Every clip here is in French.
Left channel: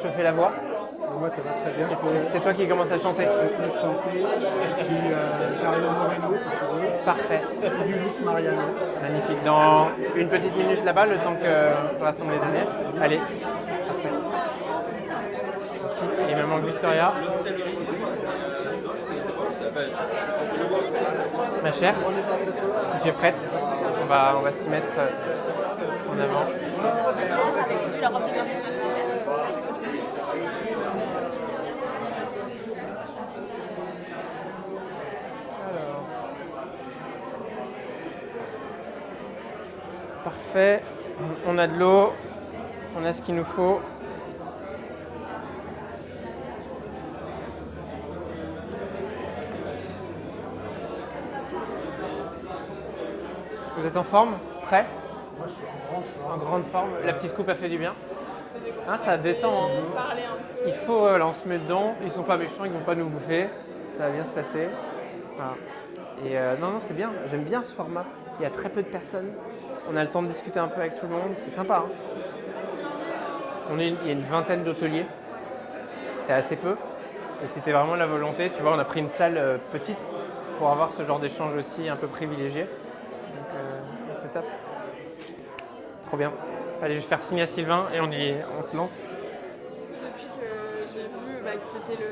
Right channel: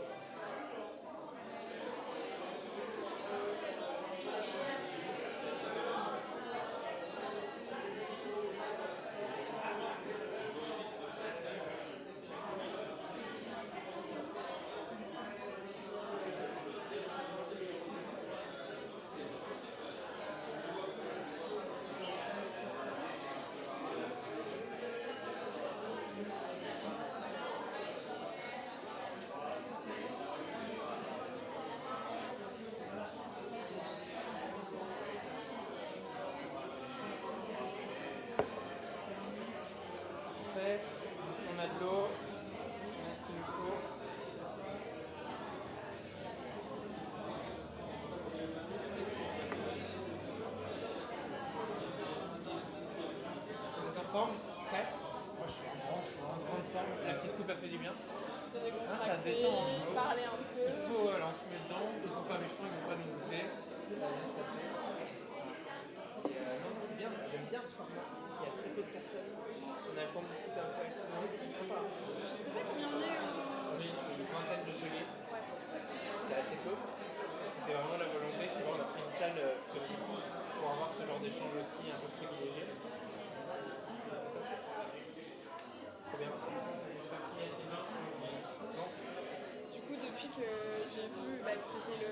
réchauffer la voix? Moi, ça va très bien. C'est toi qui commences à chanter? Je peux chanter du Dario Moreno, si tu veux, Parfait. ou du Luis Mariano. Magnifique. Dans une petite minute là-bas, le temps que je rassemble les derniers. Allez. Parfait. Et maman Victoria. Ma chère, si tu es prête, on va s'y mettre en avant. Avec la robe de Marie. Parfait. On a de l'eau. On a ce qu'il nous faut. Vous êtes en forme? Prêt? Moi, je suis en grande forme. En grande forme. La petite coupe a fait du bien. Hein, ça détend. Hein. Il faut, là, on se met dedans. Ils sont pas méchants, ils vont pas nous bouffer. Ça va bien se passer. Voilà. Et non, c'est bien. J'aime bien ce format. Il y a très peu de personnes. On a le temps de discuter un peu avec tout le monde. C'est sympa. Hein. Il y a une vingtaine d'hôteliers. C'est assez peu. Et c'était vraiment la volonté. Tu vois, on a pris une salle petite pour avoir ce genre d'échange aussi un peu privilégié. Donc, c'est top. Trop bien. Allez, je vais faire signe à Sylvain et on se lance. Depuis que j'ai vu que tu étais le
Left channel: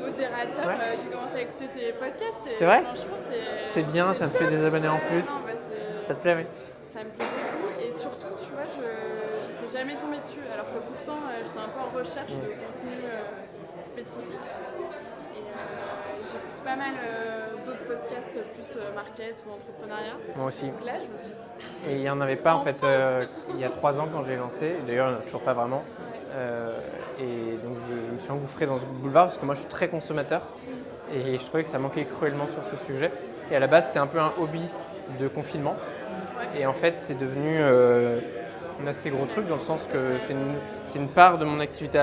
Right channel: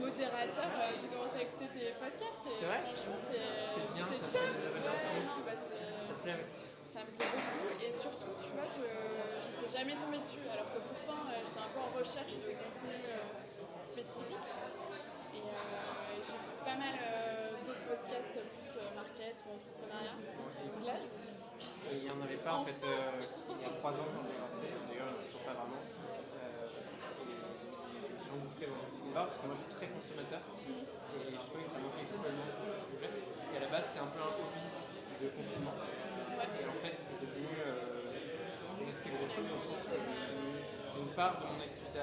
modérateur, Ouais. j'ai commencé à écouter tes podcasts. Et C'est vrai? franchement, C'est bien, ça me fait des abonnés en plus. Non, Ça te plaît, oui? ça me plaît beaucoup. Et surtout, tu vois, j'étais jamais tombée dessus. Alors que pourtant, j'étais un peu en recherche de contenu spécifique. Et j'écoute pas mal d'autres podcasts plus market ou entrepreneuriat. Moi aussi. Donc là, je me suis dit, Et il n'y en avait pas en fait il y a 3 ans quand j'ai lancé. D'ailleurs, il n'y en a toujours pas vraiment. Et donc je me suis engouffré dans ce boulevard parce que moi je suis très consommateur et je trouvais que ça manquait cruellement sur ce sujet. Et à la base, c'était un peu un hobby de confinement. Et en fait, c'est devenu un assez gros truc dans le sens que c'est une part de mon activité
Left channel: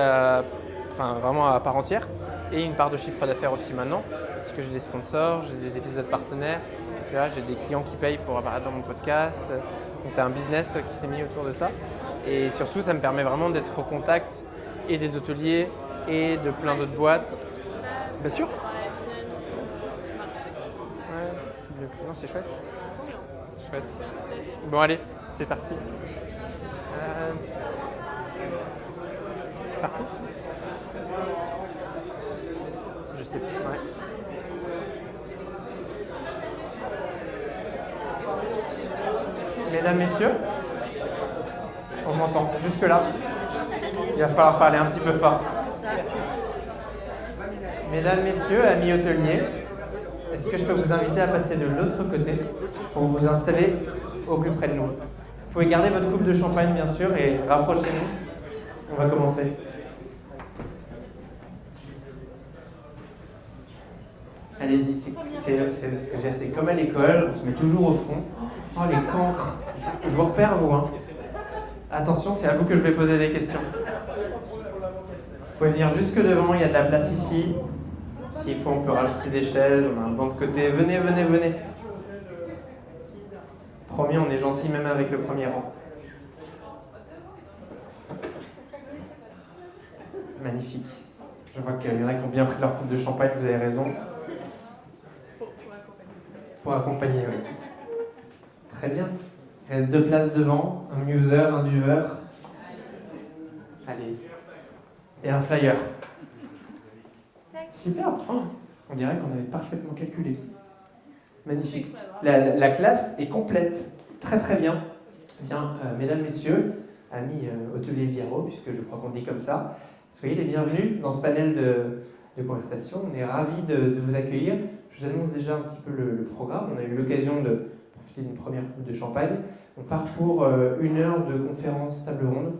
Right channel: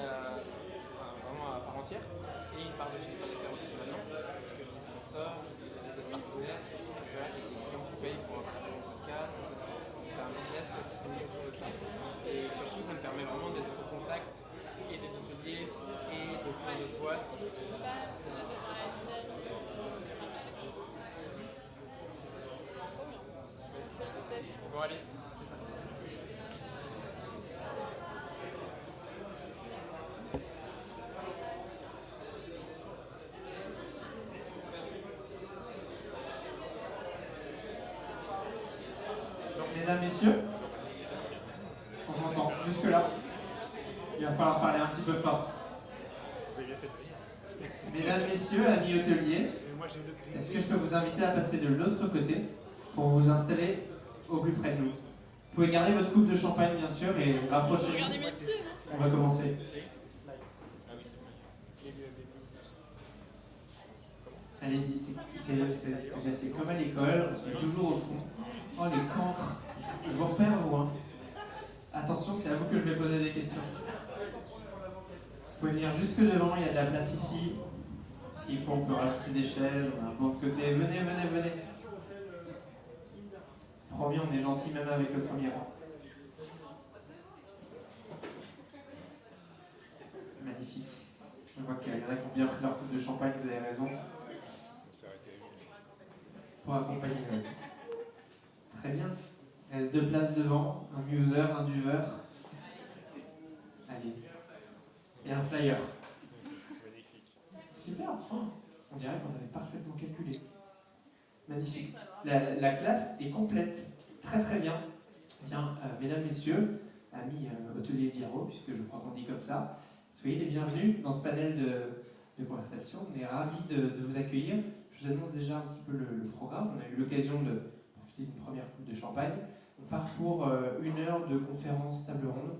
vraiment à part entière et une part de chiffre d'affaires aussi maintenant parce que j'ai des sponsors, j'ai des épisodes partenaires, tu vois, j'ai des clients qui payent pour apparaître dans mon podcast. Donc tu as un business qui s'est mis autour de ça. Et surtout, ça me permet vraiment d'être au contact et des hôteliers et de plein d'autres boîtes. ce qui se passe Bien sûr. dans la dynamique du marché. Ouais, donc, non, c'est chouette. Trop bien. Chouette. Félicitations. Bon, allez, c'est parti. C'est parti? Je sais pas. Ouais. Mesdames, messieurs, on m'entend jusque-là. Il va falloir parler un petit peu fort. Mesdames, messieurs, amis hôteliers, est-ce que je peux vous inviter à passer de l'autre côté pour vous installer au plus près de nous? Vous pouvez garder votre coupe de champagne, bien sûr, et rapprochez-vous. On va commencer. Allez-y, c'est comme à l'école, on se met toujours au fond. Oh, les cancres. Je vous repère, vous. Hein. Attention, c'est à vous que je vais poser des questions. Vous pouvez venir jusque devant, il y a de la place ici. S'il faut, on peut rajouter des chaises, on a un banc de côté. Venez, venez, venez. Promis, on est gentil même avec le premier rang. Magnifique. Je vois qu'il y en a qui ont bien pris leur coupe de champagne, vous avez raison. Pour accompagner, oui. Très bien. Il reste 2 places devant, un muser, un duveur. Allez. Et un flyer. Super. Oh, on dirait qu'on avait parfaitement calculé. Magnifique. La classe est complète. Très très bien. Bien, mesdames, messieurs, amis hôteliers biarro, puisque je crois qu'on dit comme ça, soyez les bienvenus dans ce panel de conversation. On est ravis de vous accueillir. Je vous annonce déjà un petit peu le programme. On a eu l'occasion de profiter d'une première coupe de champagne. On part pour 1 heure de conférence table ronde,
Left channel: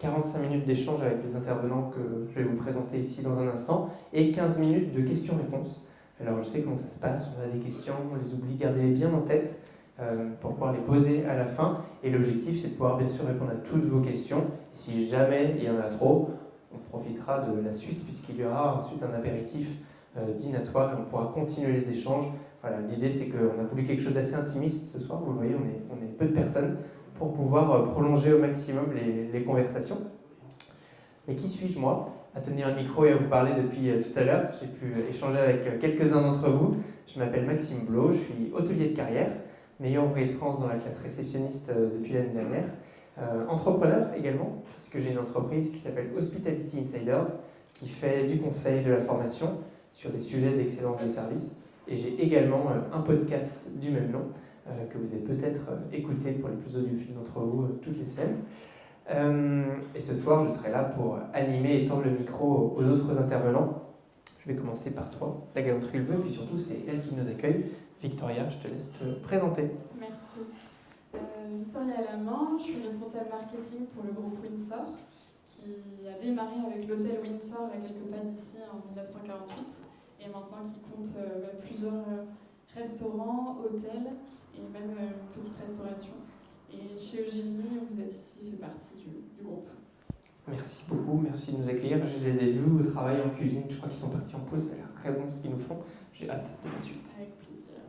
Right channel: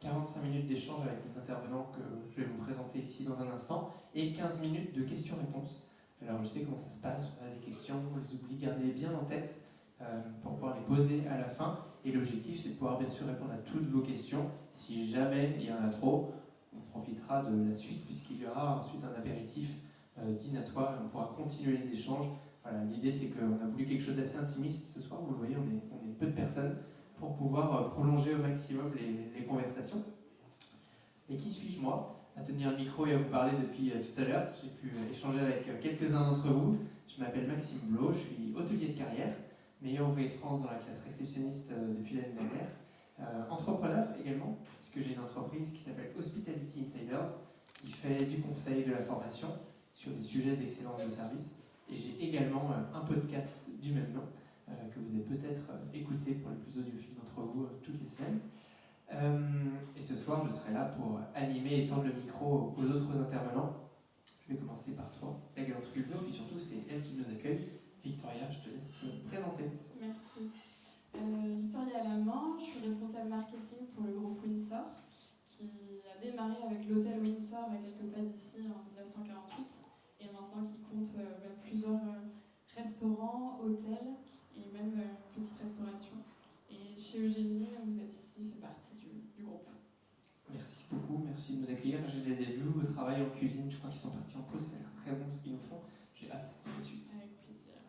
45 minutes d'échange avec les intervenants que je vais vous présenter ici dans un instant, et 15 minutes de questions-réponses. Alors je sais comment ça se passe, on a des questions, on les oublie, gardez-les bien en tête pour pouvoir les poser à la fin. Et l'objectif, c'est de pouvoir bien sûr répondre à toutes vos questions. Si jamais il y en a trop, on profitera de la suite puisqu'il y aura ensuite un apéritif dînatoire et on pourra continuer les échanges. Voilà, l'idée c'est qu'on a voulu quelque chose d'assez intimiste ce soir, vous le voyez, on est peu de personnes pour pouvoir prolonger au maximum les conversations. Mais qui suis-je moi à tenir un micro et à vous parler depuis tout à l'heure? J'ai pu échanger avec quelques-uns d'entre vous. Je m'appelle Maxime Blo, je suis hôtelier de carrière, meilleur ouvrier de France dans la classe réceptionniste depuis l'année dernière. Entrepreneur également, puisque j'ai une entreprise qui s'appelle Hospitality Insiders, qui fait du conseil, de la formation sur des sujets d'excellence de service. Et j'ai également un podcast du même nom, que vous avez peut-être écouté pour les plus audiophiles d'entre vous toutes les semaines. Et ce soir, je serai là pour animer et tendre le micro aux autres intervenants. Je vais commencer par toi, la galanterie le veut, puis surtout c'est elle qui nous accueille. Victoria, je te laisse te présenter. Merci. Victoria Lamant, je suis responsable marketing pour le groupe Windsor, qui a démarré avec l'hôtel Windsor à quelques pas d'ici en 1948, et maintenant qui compte plusieurs restaurants, hôtels et même une petite restauration. Et chez Eugénie, vous êtes ici, fait partie du groupe. Merci beaucoup, merci de nous accueillir. Je les ai vus au travail en cuisine, je crois qu'ils sont partis en pause, ça a l'air très bon ce qu'ils nous font. J'ai hâte de la suite. Avec plaisir.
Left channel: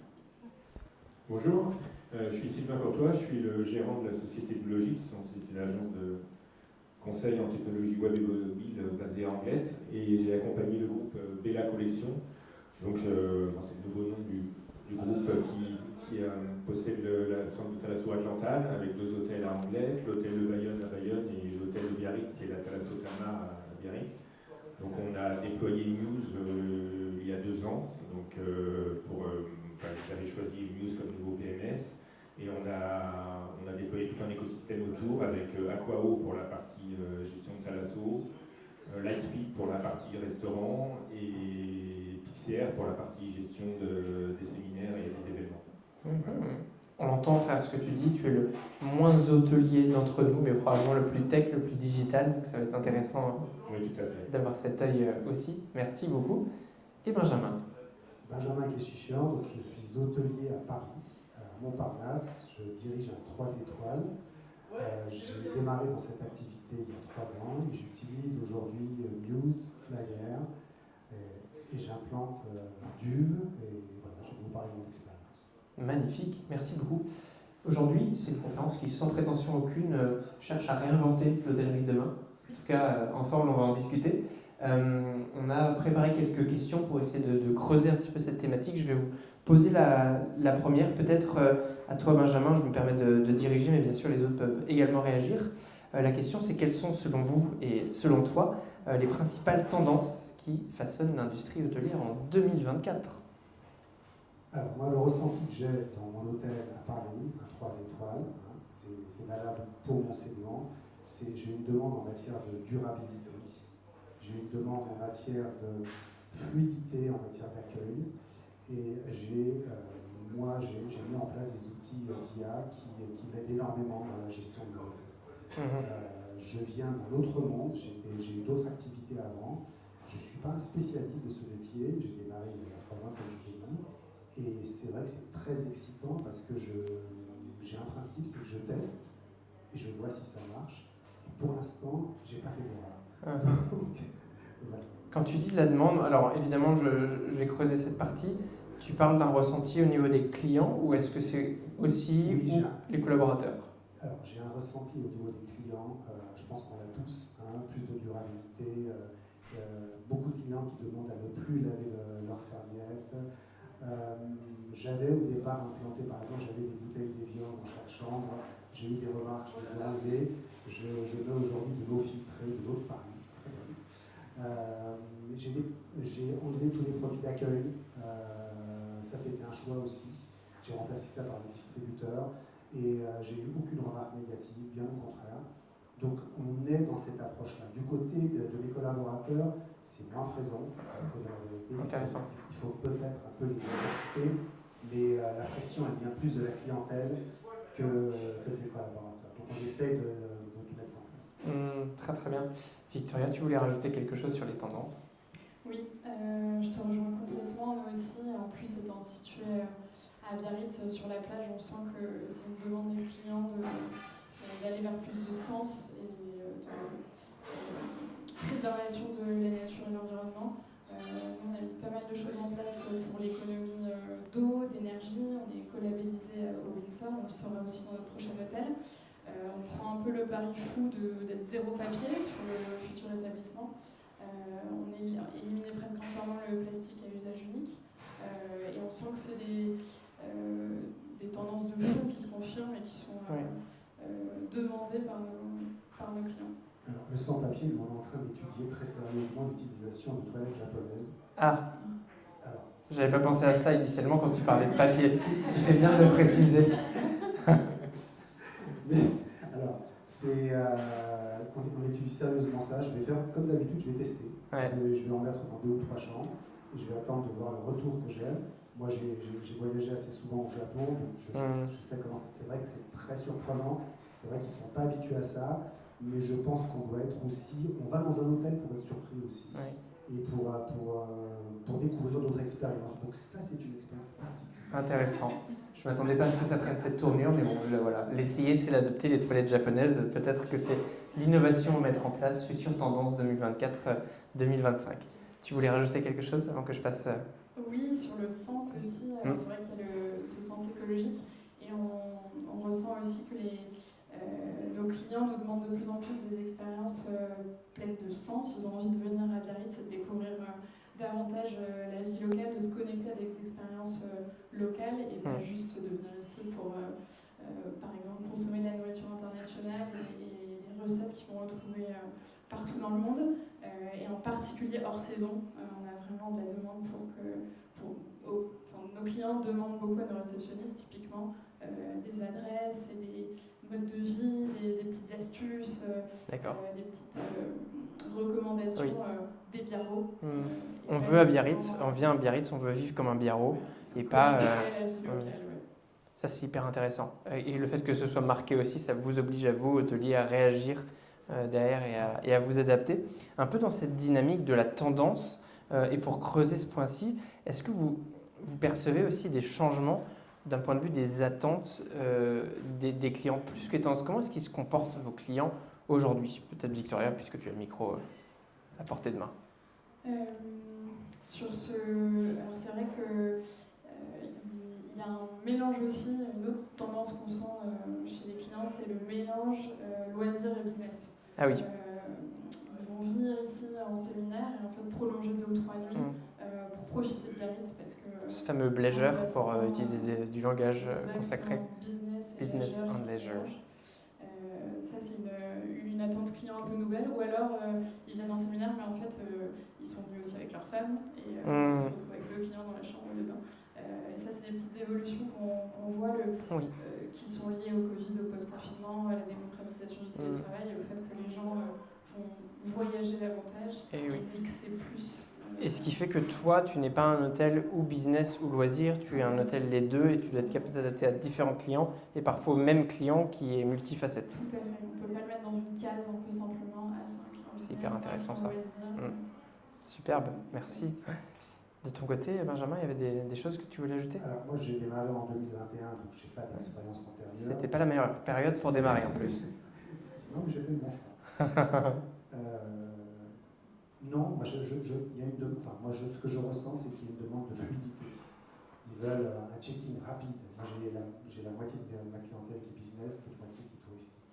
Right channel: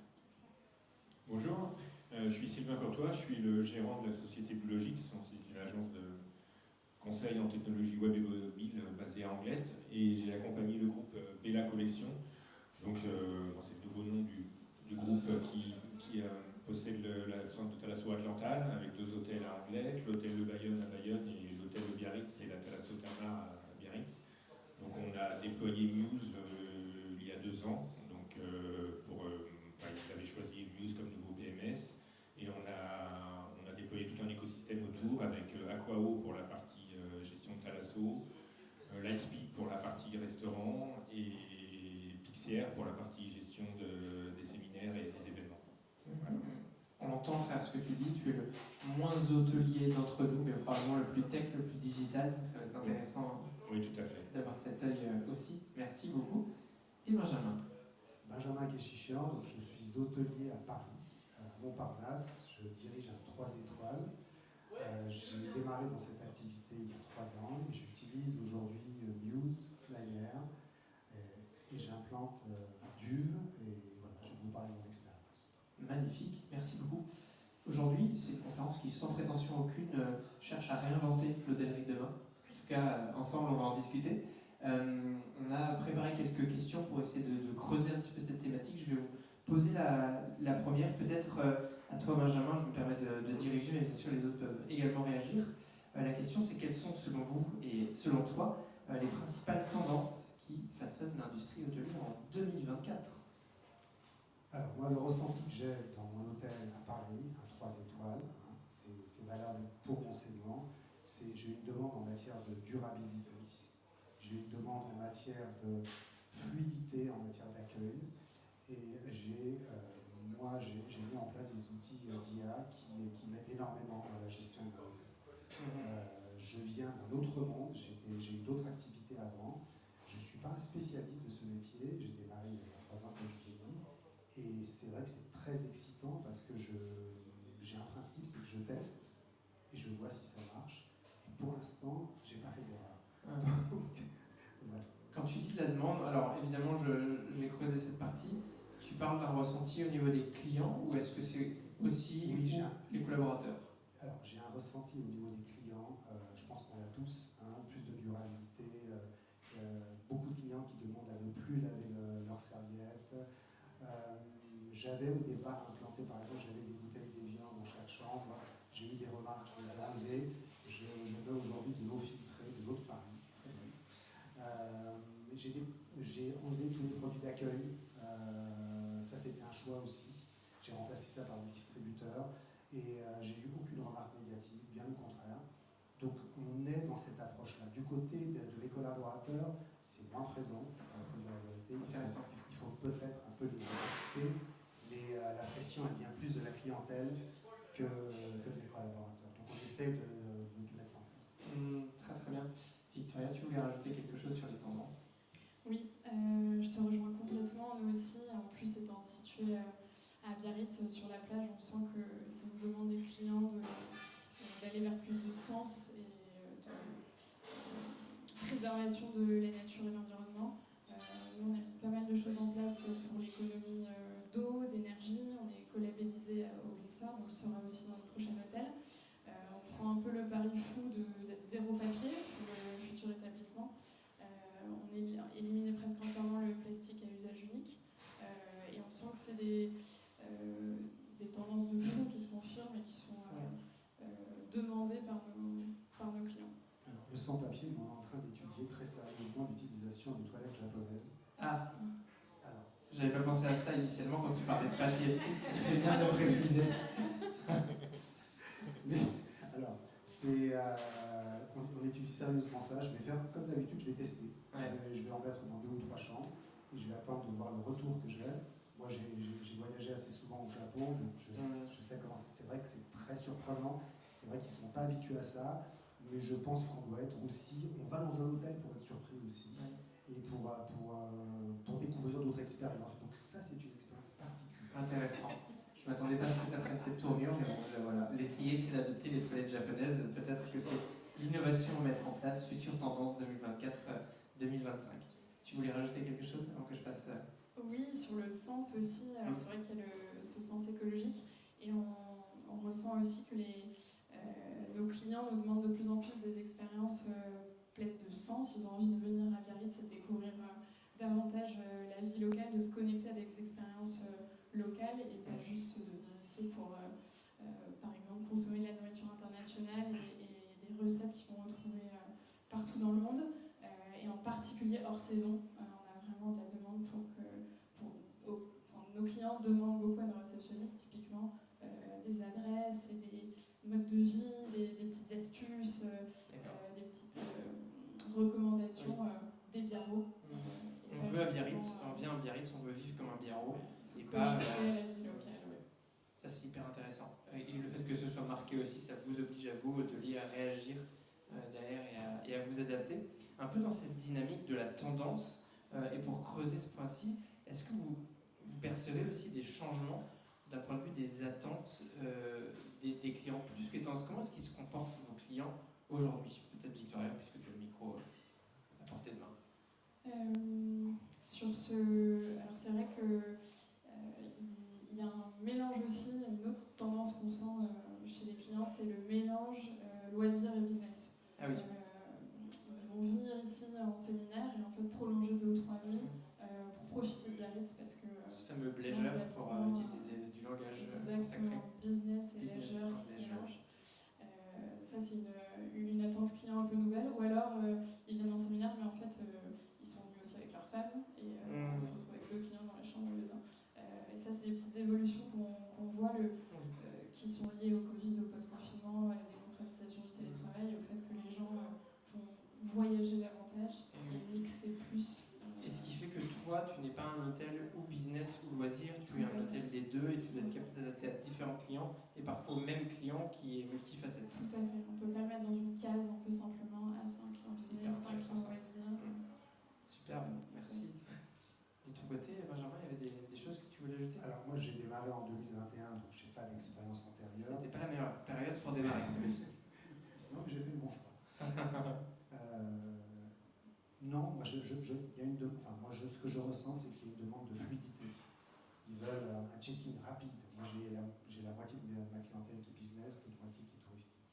Bonjour, je suis Sylvain Courtois, je suis le gérant de la société Blogix. C'est une agence de conseil en technologie web et mobile basée à Anglette, et j'ai accompagné le groupe Bella Collection. Donc c'est le nouveau nom du groupe qui possède le centre de Thalasso Atlantane avec 2 hôtels à Anglette, l'hôtel de Bayonne à Bayonne et l'hôtel de Biarritz et la Thalasso Therma à Biarritz. Donc on a déployé Muse il y a 2 ans, donc vous avez choisi Muse comme nouveau PMS, et on a déployé tout un écosystème autour avec Aquao pour la partie gestion de Thalasso, Lightspeed pour la partie restaurant et Pixière pour la partie gestion des séminaires et des événements. On l'entend à travers ce que tu dis, tu es le moins hôtelier d'entre nous, mais probablement le plus tech, le plus digital, donc ça va être intéressant Oui, tout à fait. d'avoir cet œil aussi. Merci beaucoup. Et Benjamin? Benjamin Keschichian, donc je suis hôtelier à Paris, à Montparnasse. Je dirige un 3 étoiles. J'ai démarré dans cette activité il y a 3 ans et j'utilise aujourd'hui Muse, Flyer et j'implante Duve, et voilà, je vais vous parler de mon expérience. Magnifique, merci beaucoup. Aujourd'hui, c'est une conférence qui, sans prétention aucune, cherche à réinventer l'hôtellerie de demain. En tout cas, ensemble, on va en discuter. On a préparé quelques questions pour essayer de creuser un petit peu cette thématique. Je vais vous poser la première, peut-être à toi Benjamin, je me permets de diriger, mais bien sûr les autres peuvent également réagir. La question c'est quelles sont selon vous et selon toi les principales tendances qui façonnent l'industrie hôtelière en 2024? Alors moi, le ressenti que j'ai dans mon hôtel à Paris, un 3 étoiles, c'est valable pour mon segment, c'est j'ai une demande en matière de durabilité. J'ai une demande en matière de fluidité, en matière d'accueil, et j'ai mis en place des outils d'IA qui m'aident énormément dans la gestion de l'hôtel. Je viens d'un autre monde, j'ai eu d'autres activités avant. Je ne suis pas un spécialiste de ce métier, j'ai démarré il y a 3 ans, comme je t'ai dit, et c'est vrai que c'est très excitant parce que j'ai un principe, c'est que je teste et je vois si ça marche. Et pour l'instant, je n'ai pas fait d'erreur. Donc, voilà. Quand tu dis de la demande, alors évidemment je vais creuser cette partie, tu parles d'un ressenti au niveau des clients ou est-ce que c'est aussi les collaborateurs? Alors j'ai un ressenti au niveau des clients, je pense qu'on l'a tous, plus de durabilité, beaucoup de clients qui demandent à ne plus laver leurs serviettes. J'avais au départ implanté, par exemple, j'avais des bouteilles d'Evian dans chaque chambre, j'ai eu des remarques, je les ai enlevées, je mets aujourd'hui de l'eau filtrée de l'eau de Paris. J'ai enlevé tous les produits d'accueil, ça c'était un choix aussi, j'ai remplacé ça par des distributeurs et j'ai eu aucune remarque négative, bien au contraire. Donc on est dans cette approche-là. Du côté de mes collaborateurs, c'est moins présent. Intéressant. Il faut peut-être un peu de diversité, mais la pression elle vient plus de la clientèle que des collaborateurs. Donc on essaie de tout mettre ça en place. Très très bien. Victoria, tu voulais rajouter quelque chose sur les tendances? Oui, je te rejoins complètement. Moi aussi, en plus étant située à Biarritz, sur la plage, on sent que c'est une demande des clients d'aller vers plus de sens et de préservation de la nature et de l'environnement. On a mis pas mal de choses en place pour l'économie d'eau, d'énergie. On est collabellisé au Windsor, on le sera aussi dans notre prochain hôtel. On prend un peu le pari fou d'être zéro papier pour le futur établissement. On éliminait presque entièrement le plastique à usage unique. Et on sent que c'est des tendances de fond qui se confirment et qui sont demandées par nos clients. Alors, le sans papier, on est en train d'étudier très sérieusement l'utilisation de toilettes japonaises. Ah, Alors, j'avais pas pensé à ça initialement quand tu parlais de papier. Tu fais bien de le préciser. Mais, alors, on étudie sérieusement ça. Je vais faire, comme d'habitude, je vais tester. Ouais. Je vais en mettre dans 2 ou 3 chambres. Et je vais attendre de voir le retour que j'ai. Moi, j'ai voyagé assez souvent au Japon, donc je sais comment c'est. C'est vrai que c'est très surprenant. C'est vrai qu'ils ne sont pas habitués à ça. Mais je pense qu'on doit être aussi. On va dans un hôtel pour être surpris aussi. Ouais. Et pour découvrir d'autres expériences. Donc, ça, c'est une expérience particulière. Intéressant. Je ne m'attendais pas à ce que ça prenne cette tournure, mais bon, voilà. L'essayer, c'est l'adopter, les toilettes japonaises. Peut-être que c'est l'innovation à mettre en place, future tendance 2024-2025. Tu voulais rajouter quelque chose avant que je passe Oui, sur le sens aussi. C'est vrai qu'il y a ce sens écologique. Et on ressent aussi que nos clients nous demandent de plus en plus des expériences pleines de sens. Ils ont envie de venir à Biarritz et de découvrir davantage la vie locale, de se connecter à des expériences locales et pas juste de venir ici pour, par exemple, consommer la nourriture internationale et les recettes qu'ils vont retrouver partout dans le monde, et en particulier hors saison. On a vraiment de la demande nos clients demandent beaucoup à nos réceptionnistes, typiquement, des adresses et des modes de vie, des petites astuces, des petites recommandations des biarros. On veut à Biarritz, on vient à Biarritz, on veut vivre comme un biarro et pas. Ça, c'est hyper intéressant. Et le fait que ce soit marqué aussi, ça vous oblige à vous, hôteliers, à réagir derrière et à vous adapter. Un peu dans cette dynamique de la tendance, et pour creuser ce point-ci, est-ce que vous percevez aussi des changements d'un point de vue des attentes des clients plus que les tendances? Comment est-ce qu'ils se comportent, vos clients, aujourd'hui? Peut-être Victoria, puisque tu as le micro à portée de main. Alors c'est vrai que il y a un mélange aussi, une autre tendance qu'on sent chez les clients, c'est le mélange loisirs et business. Ah oui. Ils vont venir ici en séminaire et en fait prolonger 2 ou 3 nuits pour profiter de Biarritz parce que ce fameux leisure pour utiliser du langage consacré. Business and leisure. Ça, c'est une attente client un peu nouvelle. Ou alors, ils viennent en séminaire, mais en fait, ils sont venus aussi avec leur femme et ils se retrouvent avec 2 clients dans la chambre au lieu d'un. Et ça, c'est des petites évolutions qu'on voit qui sont liées au Covid, au post-confinement, à la démocratisation du télétravail et au fait que les gens vont voyager davantage et mixer plus. Et ce qui fait que toi, tu n'es pas un hôtel ou business ou loisir, tu es un hôtel les deux et tu dois être capable d'adapter à différents clients et parfois au même client qui est multifacette. Tout à fait, on ne peut pas le mettre dans une case un peu simplement. C'est un client. C'est hyper intéressant ça. Loisir. Superbe, merci. De ton côté, Benjamin, il y avait des choses que tu voulais ajouter? Alors moi j'ai démarré en 2021, donc je n'ai pas d'expérience antérieure. C'était pas la meilleure période pour démarrer en plus. Non, mais j'ai fait le bon choix. Non, moi, ce que je ressens, c'est qu'il y a une demande de fluidité. Ils veulent un check-in rapide. Moi, j'ai la moitié de ma clientèle qui est business, l'autre moitié qui est touristique.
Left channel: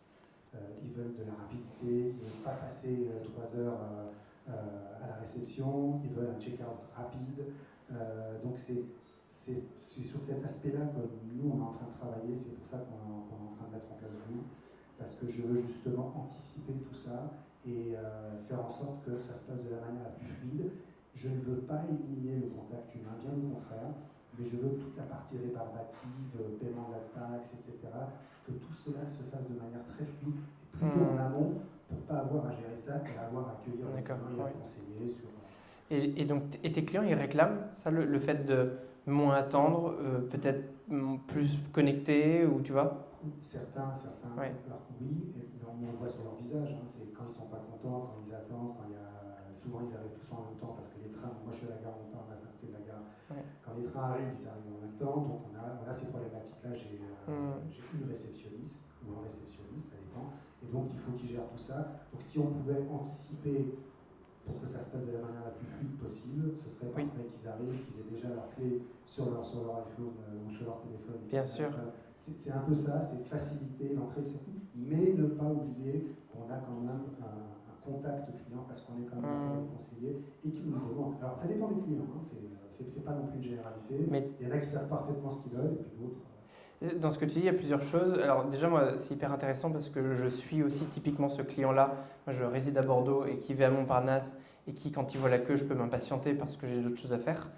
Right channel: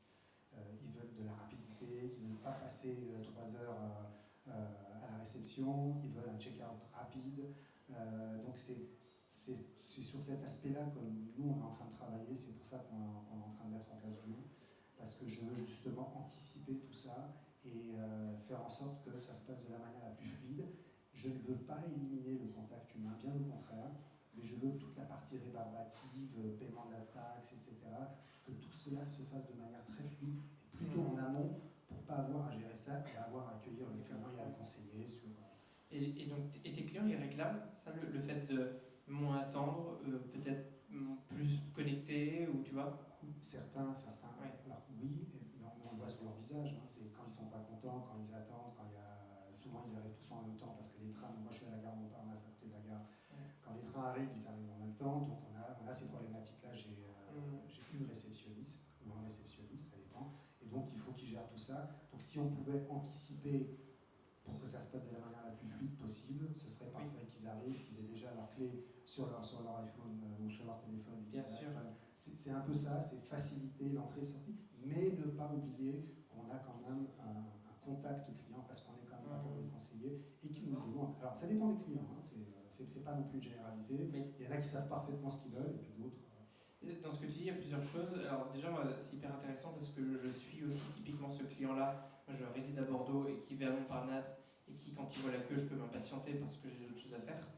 Ils veulent de la rapidité, ils ne veulent pas passer 3 heures à la réception, ils veulent un check-out rapide. Donc, c'est sur cet aspect-là que nous, on est en train de travailler. C'est pour ça qu'on est en train de mettre en place Blue, parce que je veux justement anticiper tout ça et faire en sorte que ça se passe de la manière la plus fluide. Je ne veux pas éliminer le contact humain, bien au contraire, mais je veux que toute la partie rébarbative, paiement de la taxe, etc., que tout cela se fasse de manière très fluide et plutôt en amont pour ne pas avoir à gérer ça et avoir à accueillir les clients et à conseiller sur... Et donc, tes clients, ils réclament ça, le fait de moins attendre, peut-être plus connecté, ou tu vois? Certains, ouais. Alors oui, on le voit sur leur visage, c'est quand ils ne sont pas contents, quand ils attendent, souvent ils arrivent tous en même temps parce que les trains, moi je suis à la gare Montparnasse à côté de la gare, quand les trains arrivent, ils arrivent en même temps, donc on a ces problématiques-là, j'ai une réceptionniste ou un réceptionniste, ça dépend, et donc il faut qu'ils gèrent tout ça. Donc si on pouvait anticiper pour que ça se passe de la manière la plus fluide possible, ce serait parfait qu'ils arrivent, qu'ils aient déjà leur clé sur leur iPhone ou sur leur téléphone. Bien sûr. C'est un peu ça, c'est faciliter l'entrée et la sortie, mais ne pas oublier qu'on a quand même un contact client parce qu'on est quand même là pour les conseiller et qu'ils nous demandent. Alors ça dépend des clients, hein, c'est pas non plus une généralité. Mais il y en a qui savent parfaitement ce qu'ils veulent et puis d'autres. dans ce que tu dis, il y a plusieurs choses. Alors déjà, moi, c'est hyper intéressant parce que je suis aussi typiquement ce client-là. Moi, je réside à Bordeaux et qui va à Montparnasse et qui, quand il voit la queue, je peux m'impatienter parce que j'ai d'autres choses à faire.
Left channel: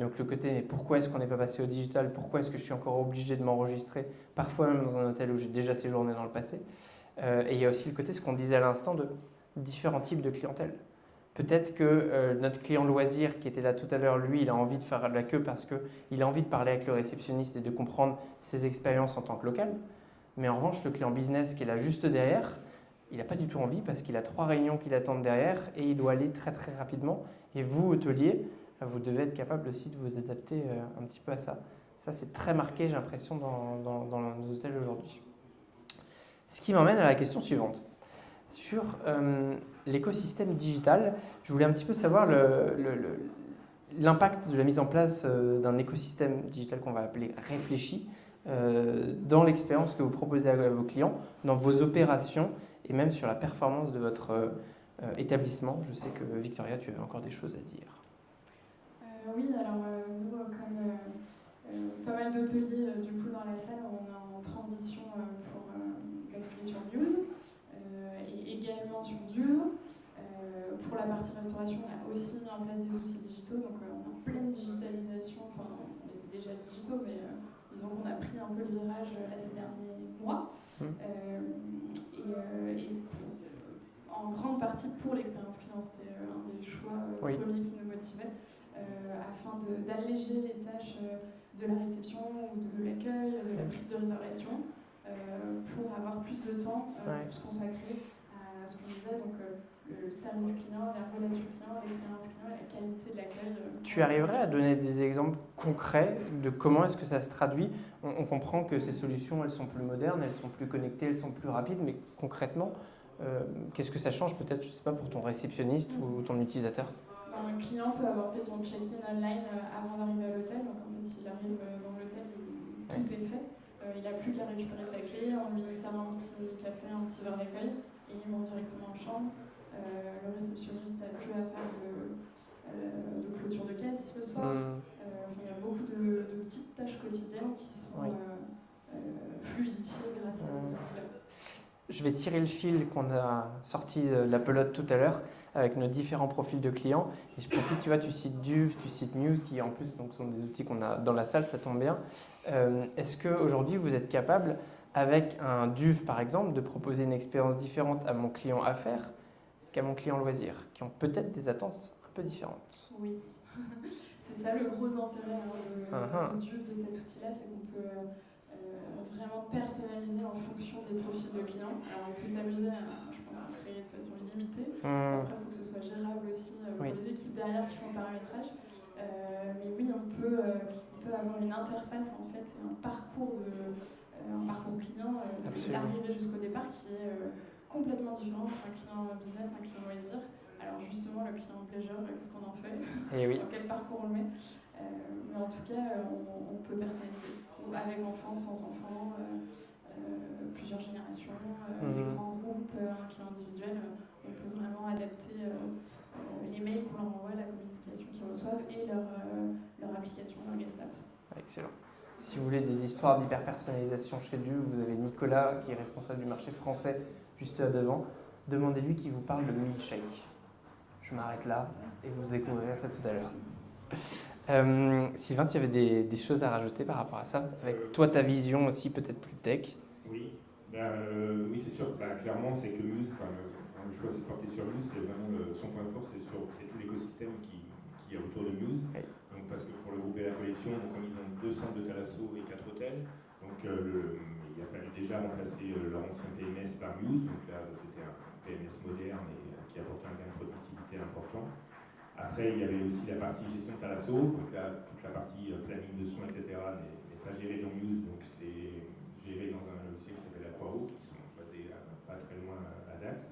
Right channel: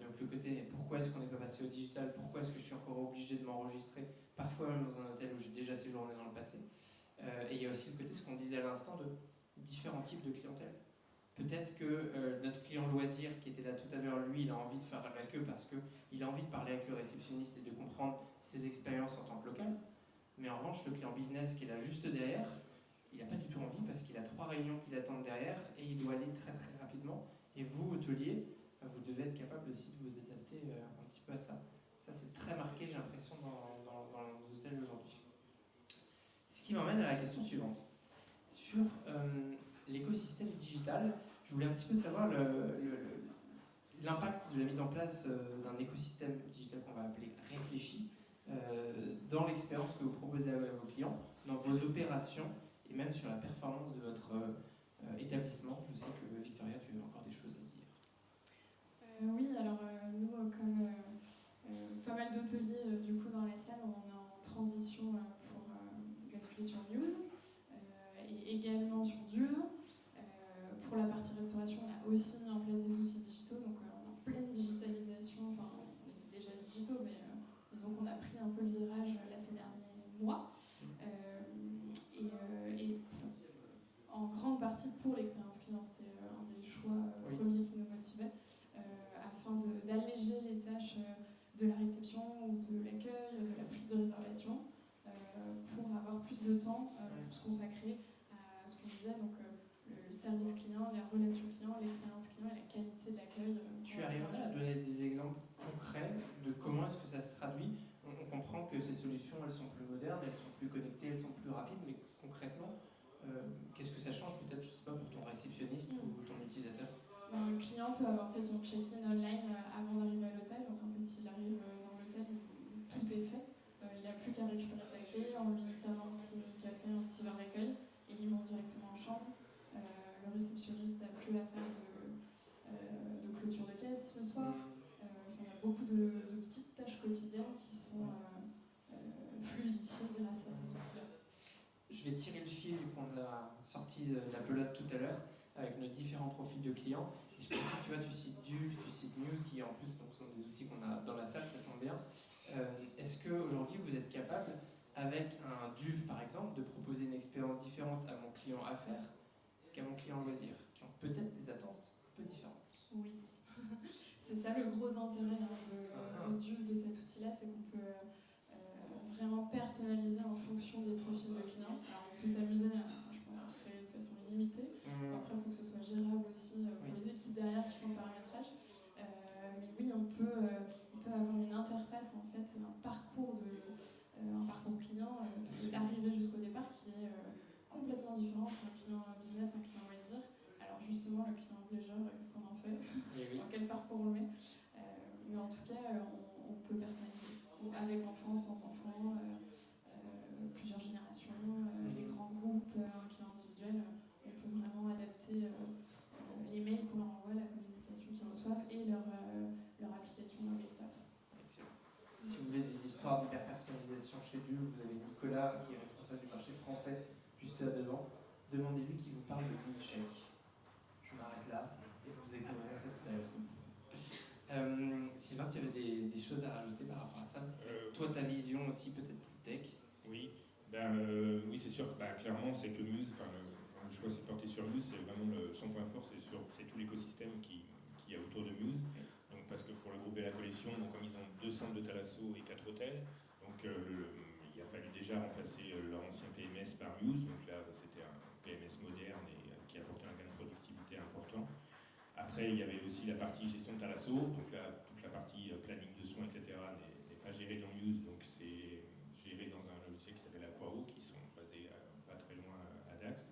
Donc le côté, mais pourquoi est-ce qu'on n'est pas passé au digital? Pourquoi est-ce que je suis encore obligé de m'enregistrer? Parfois même dans un hôtel où j'ai déjà séjourné dans le passé. Et il y a aussi le côté, ce qu'on disait à l'instant, de différents types de clientèle. Peut-être que notre client loisir qui était là tout à l'heure, lui, il a envie de faire de la queue parce qu'il a envie de parler avec le réceptionniste et de comprendre ses expériences en tant que local. Mais en revanche, le client business qui est là juste derrière, il n'a pas du tout envie parce qu'il a 3 réunions qui l'attendent derrière et il doit aller très très rapidement. Et vous, hôtelier, vous devez être capable aussi de vous adapter un petit peu à ça. Ça, c'est très marqué, j'ai l'impression, dans nos hôtels aujourd'hui. Ce qui m'emmène à la question suivante. Sur l'écosystème digital, je voulais un petit peu savoir l'impact de la mise en place d'un écosystème digital qu'on va appeler réfléchi dans l'expérience que vous proposez à vos clients, dans vos opérations et même sur la performance de votre établissement. Je sais que Victoria, tu avais encore des choses à dire. Oui, alors nous, comme pas mal d'hôteliers du coup dans la salle, on est en transition pour basculer sur Muse et également sur Duve. Pour la partie restauration, on a aussi mis en place des outils digitaux, donc on est en pleine digitalisation. Enfin, on était déjà digitaux, mais disons qu'on a pris un peu le virage là ces derniers mois. En grande partie pour l'expérience client, c'était un des choix premiers qui nous motivait, afin d'alléger les tâches de la réception ou de l'accueil, de la prise de réservation, pour avoir plus de temps pour se consacrer à ce qu'on disait, donc le service client, la relation client, l'expérience client et la qualité de l'accueil. Tu arriverais à donner des exemples concrets de comment est-ce que ça se traduit? On comprend que ces solutions, elles sont plus modernes, elles sont plus connectées, elles sont plus rapides, mais concrètement, qu'est-ce que ça change peut-être, je ne sais pas, pour ton réceptionniste ou ton utilisateur? Un client peut avoir fait son check-in online avant d'arriver à l'hôtel, donc en fait il arrive dans l'hôtel, tout est fait, il n'a plus qu'à récupérer sa clé, on lui sert un petit café, un petit verre d'accueil, et il monte directement en chambre. Le réceptionniste n'a plus à faire de clôture de caisse le soir. Il y a beaucoup de petites tâches quotidiennes qui sont fluidifiées grâce à ces outils-là. Je vais tirer le fil qu'on a sorti de la pelote tout à l'heure avec nos différents profils de clients. Et je profite, tu vois, tu cites Duve, tu cites Muse, qui en plus donc, sont des outils qu'on a dans la salle, ça tombe bien. Est-ce qu'aujourd'hui, vous êtes capable, avec un Duve par exemple, de proposer une expérience différente à mon client affaires qu'à mon client loisir, qui ont peut-être des attentes un peu différentes? Oui, c'est ça le gros intérêt de Duve, de cet outil-là, c'est qu'on peut vraiment personnaliser en fonction des profils de clients. Alors on peut s'amuser, je pense, à créer de façon illimitée. Après, il faut que ce soit gérable aussi pour les équipes derrière qui font le paramétrage. Mais oui, il peut avoir une interface, en fait, un parcours client de l'arrivée jusqu'au départ qui est complètement différent entre un client business, un client loisir. Alors justement, le client pleasure, qu'est-ce qu'on en fait? Dans quel parcours on le met? Mais en tout cas, on peut personnaliser. Avec enfants, sans enfants, plusieurs générations, des grands groupes, un client individuel, on peut vraiment adapter les mails qu'on leur envoie, la communication qu'ils reçoivent et leur application, leur guest app. Excellent. Si vous voulez des histoires d'hyper-personnalisation chez Duve, vous avez Nicolas qui est responsable du marché français juste là devant. Demandez-lui qu'il vous parle de milkshake. Je m'arrête là et vous découvrirez ça tout à l'heure. Sylvain, tu avais des choses à rajouter par rapport à ça? Avec toi, ta vision aussi peut-être plus tech. Oui, oui c'est sûr. Clairement, c'est que Muse, le choix s'est porté sur Muse, c'est vraiment son point fort, c'est tout l'écosystème qui est autour de Muse. Oui. Donc, parce que pour le groupe de la collection, donc, comme ils ont 2 centres de Thalasso et 4 hôtels, donc il a fallu déjà remplacer leur ancien PMS par Muse. Donc là, c'était un PMS moderne et qui apportait un gain de productivité important. Après, il y avait aussi la partie gestion de Thalasso, donc là, toute la partie planning de soins, etc. n'est pas gérée dans Muse, donc c'est géré dans un logiciel qui s'appelle Aquaro, qui sont basés pas très loin à Dax.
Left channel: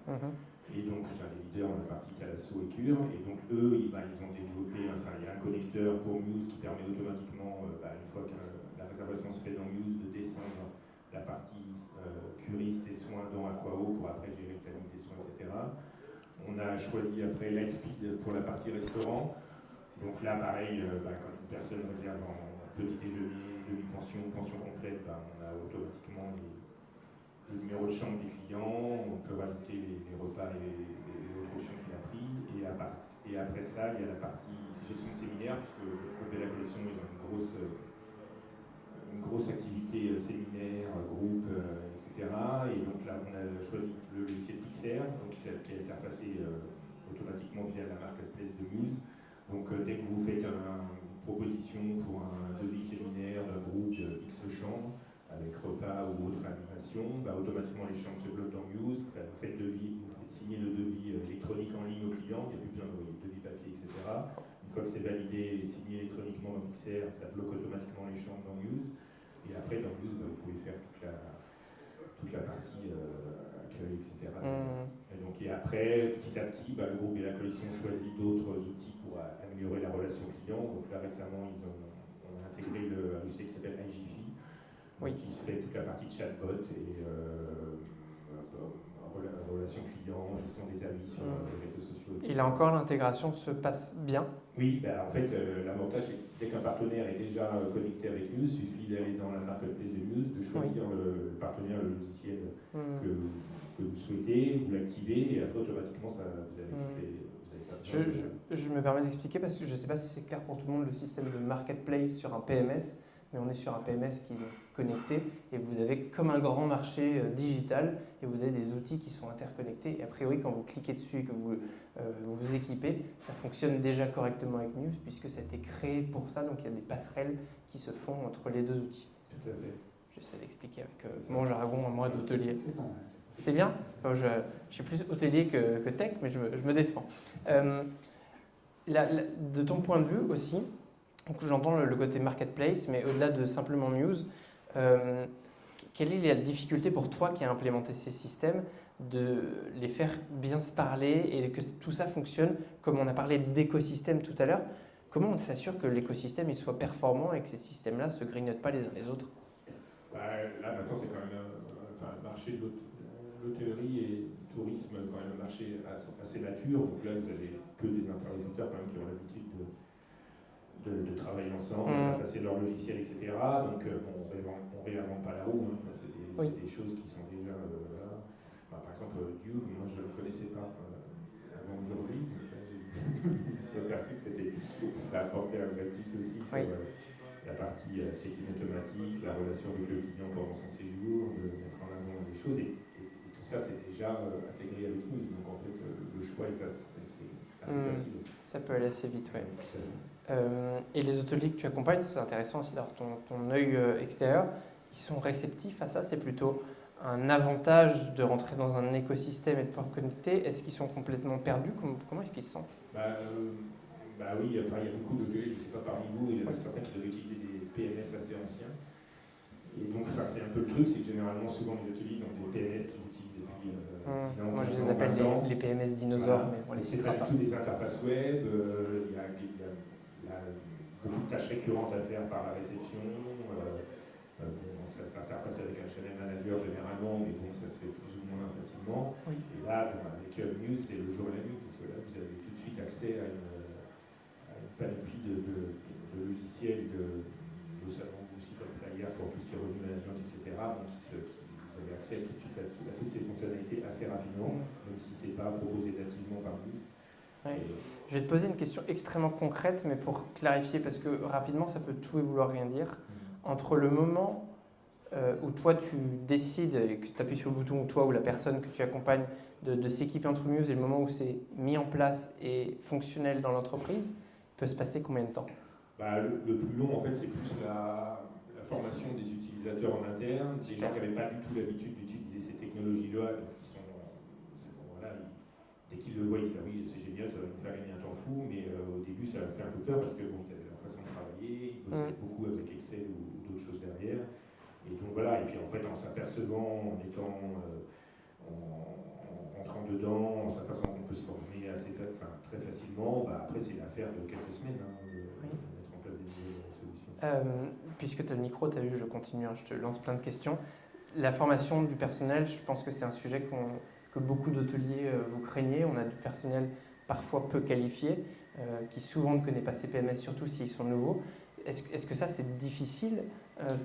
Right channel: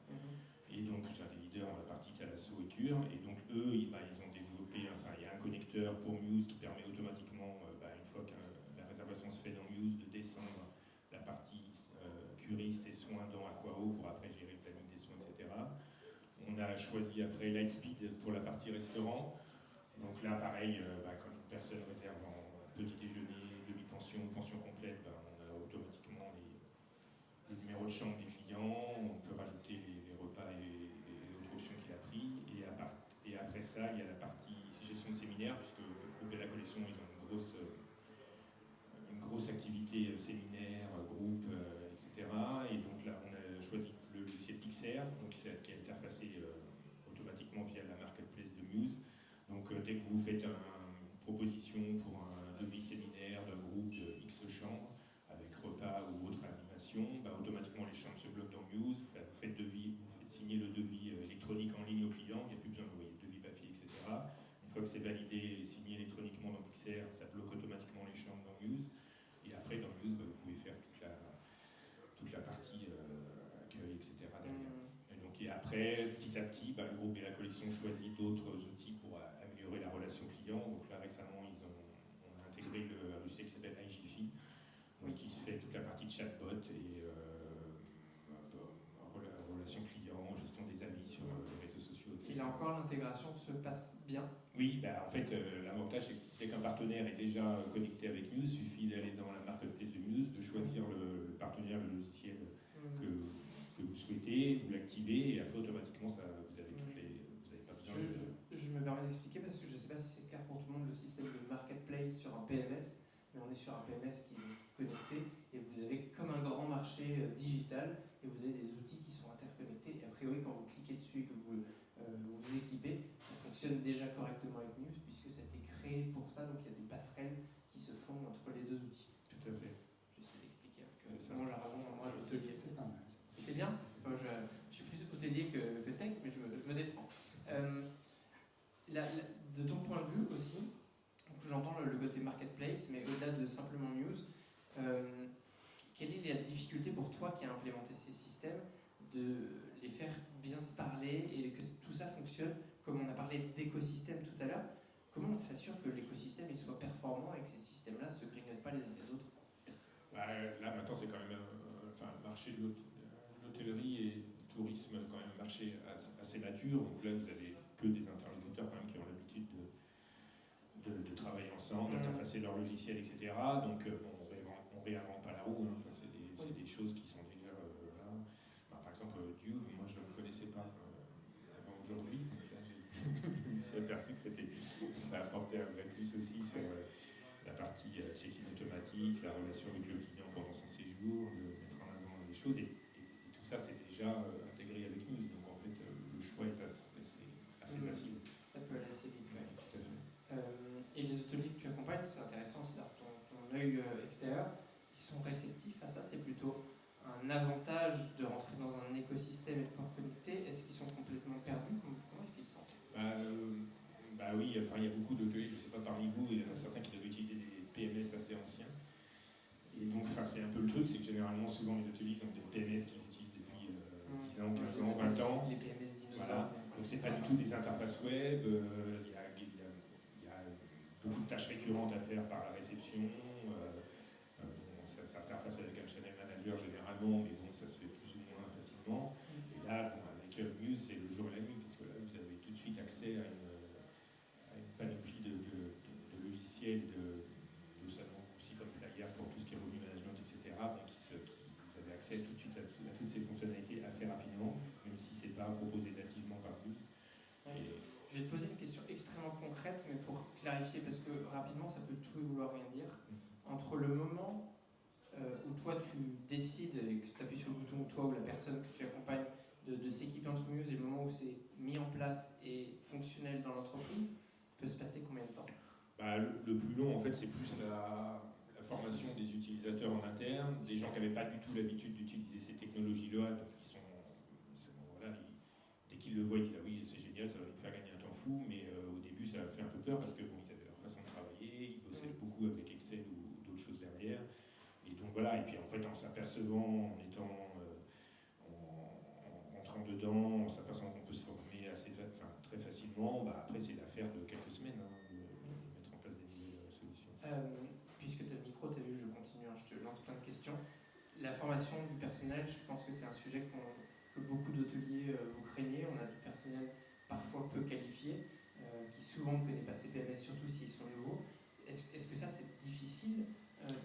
Et donc, c'est un des leaders dans la partie Thalasso et Cure. Et donc, eux, ils ont développé, il y a un connecteur pour Muse qui permet automatiquement, une fois que la réservation se fait dans Muse, de descendre la partie curiste et choisi après Lightspeed pour la partie restaurant. Donc là, pareil, quand une personne réserve en petit déjeuner, demi-pension, pension complète, on a automatiquement les numéros de chambre des clients, on peut rajouter les repas et les autres options qu'il a pris. Et après ça, il y a la partie gestion de séminaire, puisque le groupe de la collection, ils ont une grosse activité séminaire, groupe, etc. Et donc là, on a choisi le logiciel Pixar, donc, qui est interfacé automatiquement via la marketplace de Muse. Donc dès que vous faites une proposition pour un devis séminaire d'un groupe de X chambres, avec repas ou autre animation, automatiquement les chambres se bloquent dans Muse, vous faites signer le devis électronique en ligne au client, il n'y a plus besoin d'envoyer le devis papier, etc. Une fois que c'est validé et signé électroniquement dans Pixar, ça bloque automatiquement les chambres dans Muse. Et après, dans Muse, vous pouvez faire toute la partie accueil, etc. Et après, petit à petit, le groupe et la collection choisit d'autres outils pour améliorer la relation client. Donc là, récemment, ils ont intégré le logiciel qui s'appelle iGifi, qui se fait toute la partie de chatbot et relation client, gestion des avis sur les réseaux sociaux. Et là encore, l'intégration se passe bien? Oui, en fait, l'avantage, c'est que dès qu'un partenaire est déjà connecté avec Muse, il suffit d'aller dans la marketplace de Muse, de choisir le partenaire, le logiciel que vous souhaitez, vous l'activez, et après, automatiquement, vous avez pas besoin Je me permets d'expliquer parce que je ne sais pas si c'est clair pour tout le monde le système de marketplace sur un PMS, mais on est sur un PMS qui est connecté et vous avez comme un grand marché digital et vous avez des outils qui sont interconnectés. Et a priori, quand vous cliquez dessus et que vous vous équipez, ça fonctionne déjà correctement avec Muse puisque ça a été créé pour ça. Donc il y a des passerelles qui se font entre les deux outils. Tout à fait. J'essaie d'expliquer avec mon jargon à moi d'hôtelier. C'est pas mal. C'est bien. Je suis plus hôtelier que tech, mais je me défends. De ton point de vue aussi, donc j'entends le côté marketplace, mais au-delà de simplement Muse, quelle est la difficulté pour toi qui a implémenté ces systèmes de les faire bien se parler et que tout ça fonctionne, comme on a parlé d'écosystème tout à l'heure? Comment on s'assure que l'écosystème il soit performant et que ces systèmes-là ne se grignotent pas les uns les autres? Là, maintenant, c'est quand même un marché de l'hôtellerie et du tourisme, quand même un marché assez mature. Donc là, vous avez que des interlocuteurs quand même, qui ont l'habitude de travailler ensemble, d'interfacer leur logiciel, etc. Donc, on ne réinvente pas la roue. C'est des choses qui sont déjà là. Par exemple, Dieu, moi, je ne le connaissais pas avant aujourd'hui. Je me suis aperçu que ça apportait un vrai plus aussi sur la partie check-in automatique, la relation avec le client pendant son séjour, de mettre en avant des choses. Et tout ça, c'est déjà intégré avec nous. Donc, en fait, le choix est assez facile. Ça peut aller assez vite, oui. Et les hôteliers que tu accompagnes, c'est intéressant aussi d'avoir ton œil extérieur, ils sont réceptifs à ça, c'est plutôt un avantage de rentrer dans un écosystème et de pouvoir connecter. Est-ce qu'ils sont complètement perdus? Comment est-ce qu'ils se sentent? Oui, il y a beaucoup d'hôteliers, je ne sais pas parmi vous, il y en a certains qui doivent utiliser des PMS assez anciens. Et donc, c'est un peu le truc, c'est que généralement, souvent les hôteliers ont des PMS qu'ils utilisent depuis 10 ans. Moi, je les appelle les PMS dinosaures, mais on les c'est citera pas pas. du tout des interfaces web, il y a beaucoup de tâches récurrentes à faire par la réception. Ça s'interface avec un channel manager généralement, mais bon, ça se fait plus ou moins facilement. Et là, avec Muse, c'est le jour et la nuit, parce que là, vous avez tout de suite accès à une panoplie de logiciels, de salons aussi comme Flyer pour tout ce qui est revenu management, etc. Donc, vous avez accès tout de suite à toutes ces fonctionnalités assez rapidement, même si ce n'est pas proposé nativement par Muse. Je vais te poser une question extrêmement concrète, mais pour clarifier, parce que rapidement, ça peut tout et vouloir rien dire. Entre le moment où toi, tu décides et que tu appuies sur le bouton, ou toi ou la personne que tu accompagnes, de s'équiper entre Muse et le moment où c'est mis en place et fonctionnel dans l'entreprise, peut se passer combien de temps? Le plus long, en fait, c'est plus la formation des utilisateurs en interne, des gens qui n'avaient pas du tout l'habitude d'utiliser ces technologies-là, dès qu'ils le voient, ils disent ah oui, c'est génial, ça va nous faire gagner un temps fou, mais au début, ça leur fait un peu peur parce qu'ils avaient leur façon de travailler, ils bossaient beaucoup avec Excel ou d'autres choses derrière. Et donc voilà, et puis en fait, en s'apercevant, en rentrant dedans, en s'apercevant qu'on peut se former très facilement, après, c'est l'affaire de quelques semaines de mettre en place des nouvelles solutions. Puisque tu as le micro, tu as vu, je continue, je te lance plein de questions. La formation du personnel, je pense que c'est un sujet que beaucoup d'hôteliers vous craignez. On a du personnel parfois peu qualifié, qui souvent ne connaît pas ces PMS, surtout s'ils sont nouveaux. Est-ce que ça, c'est difficile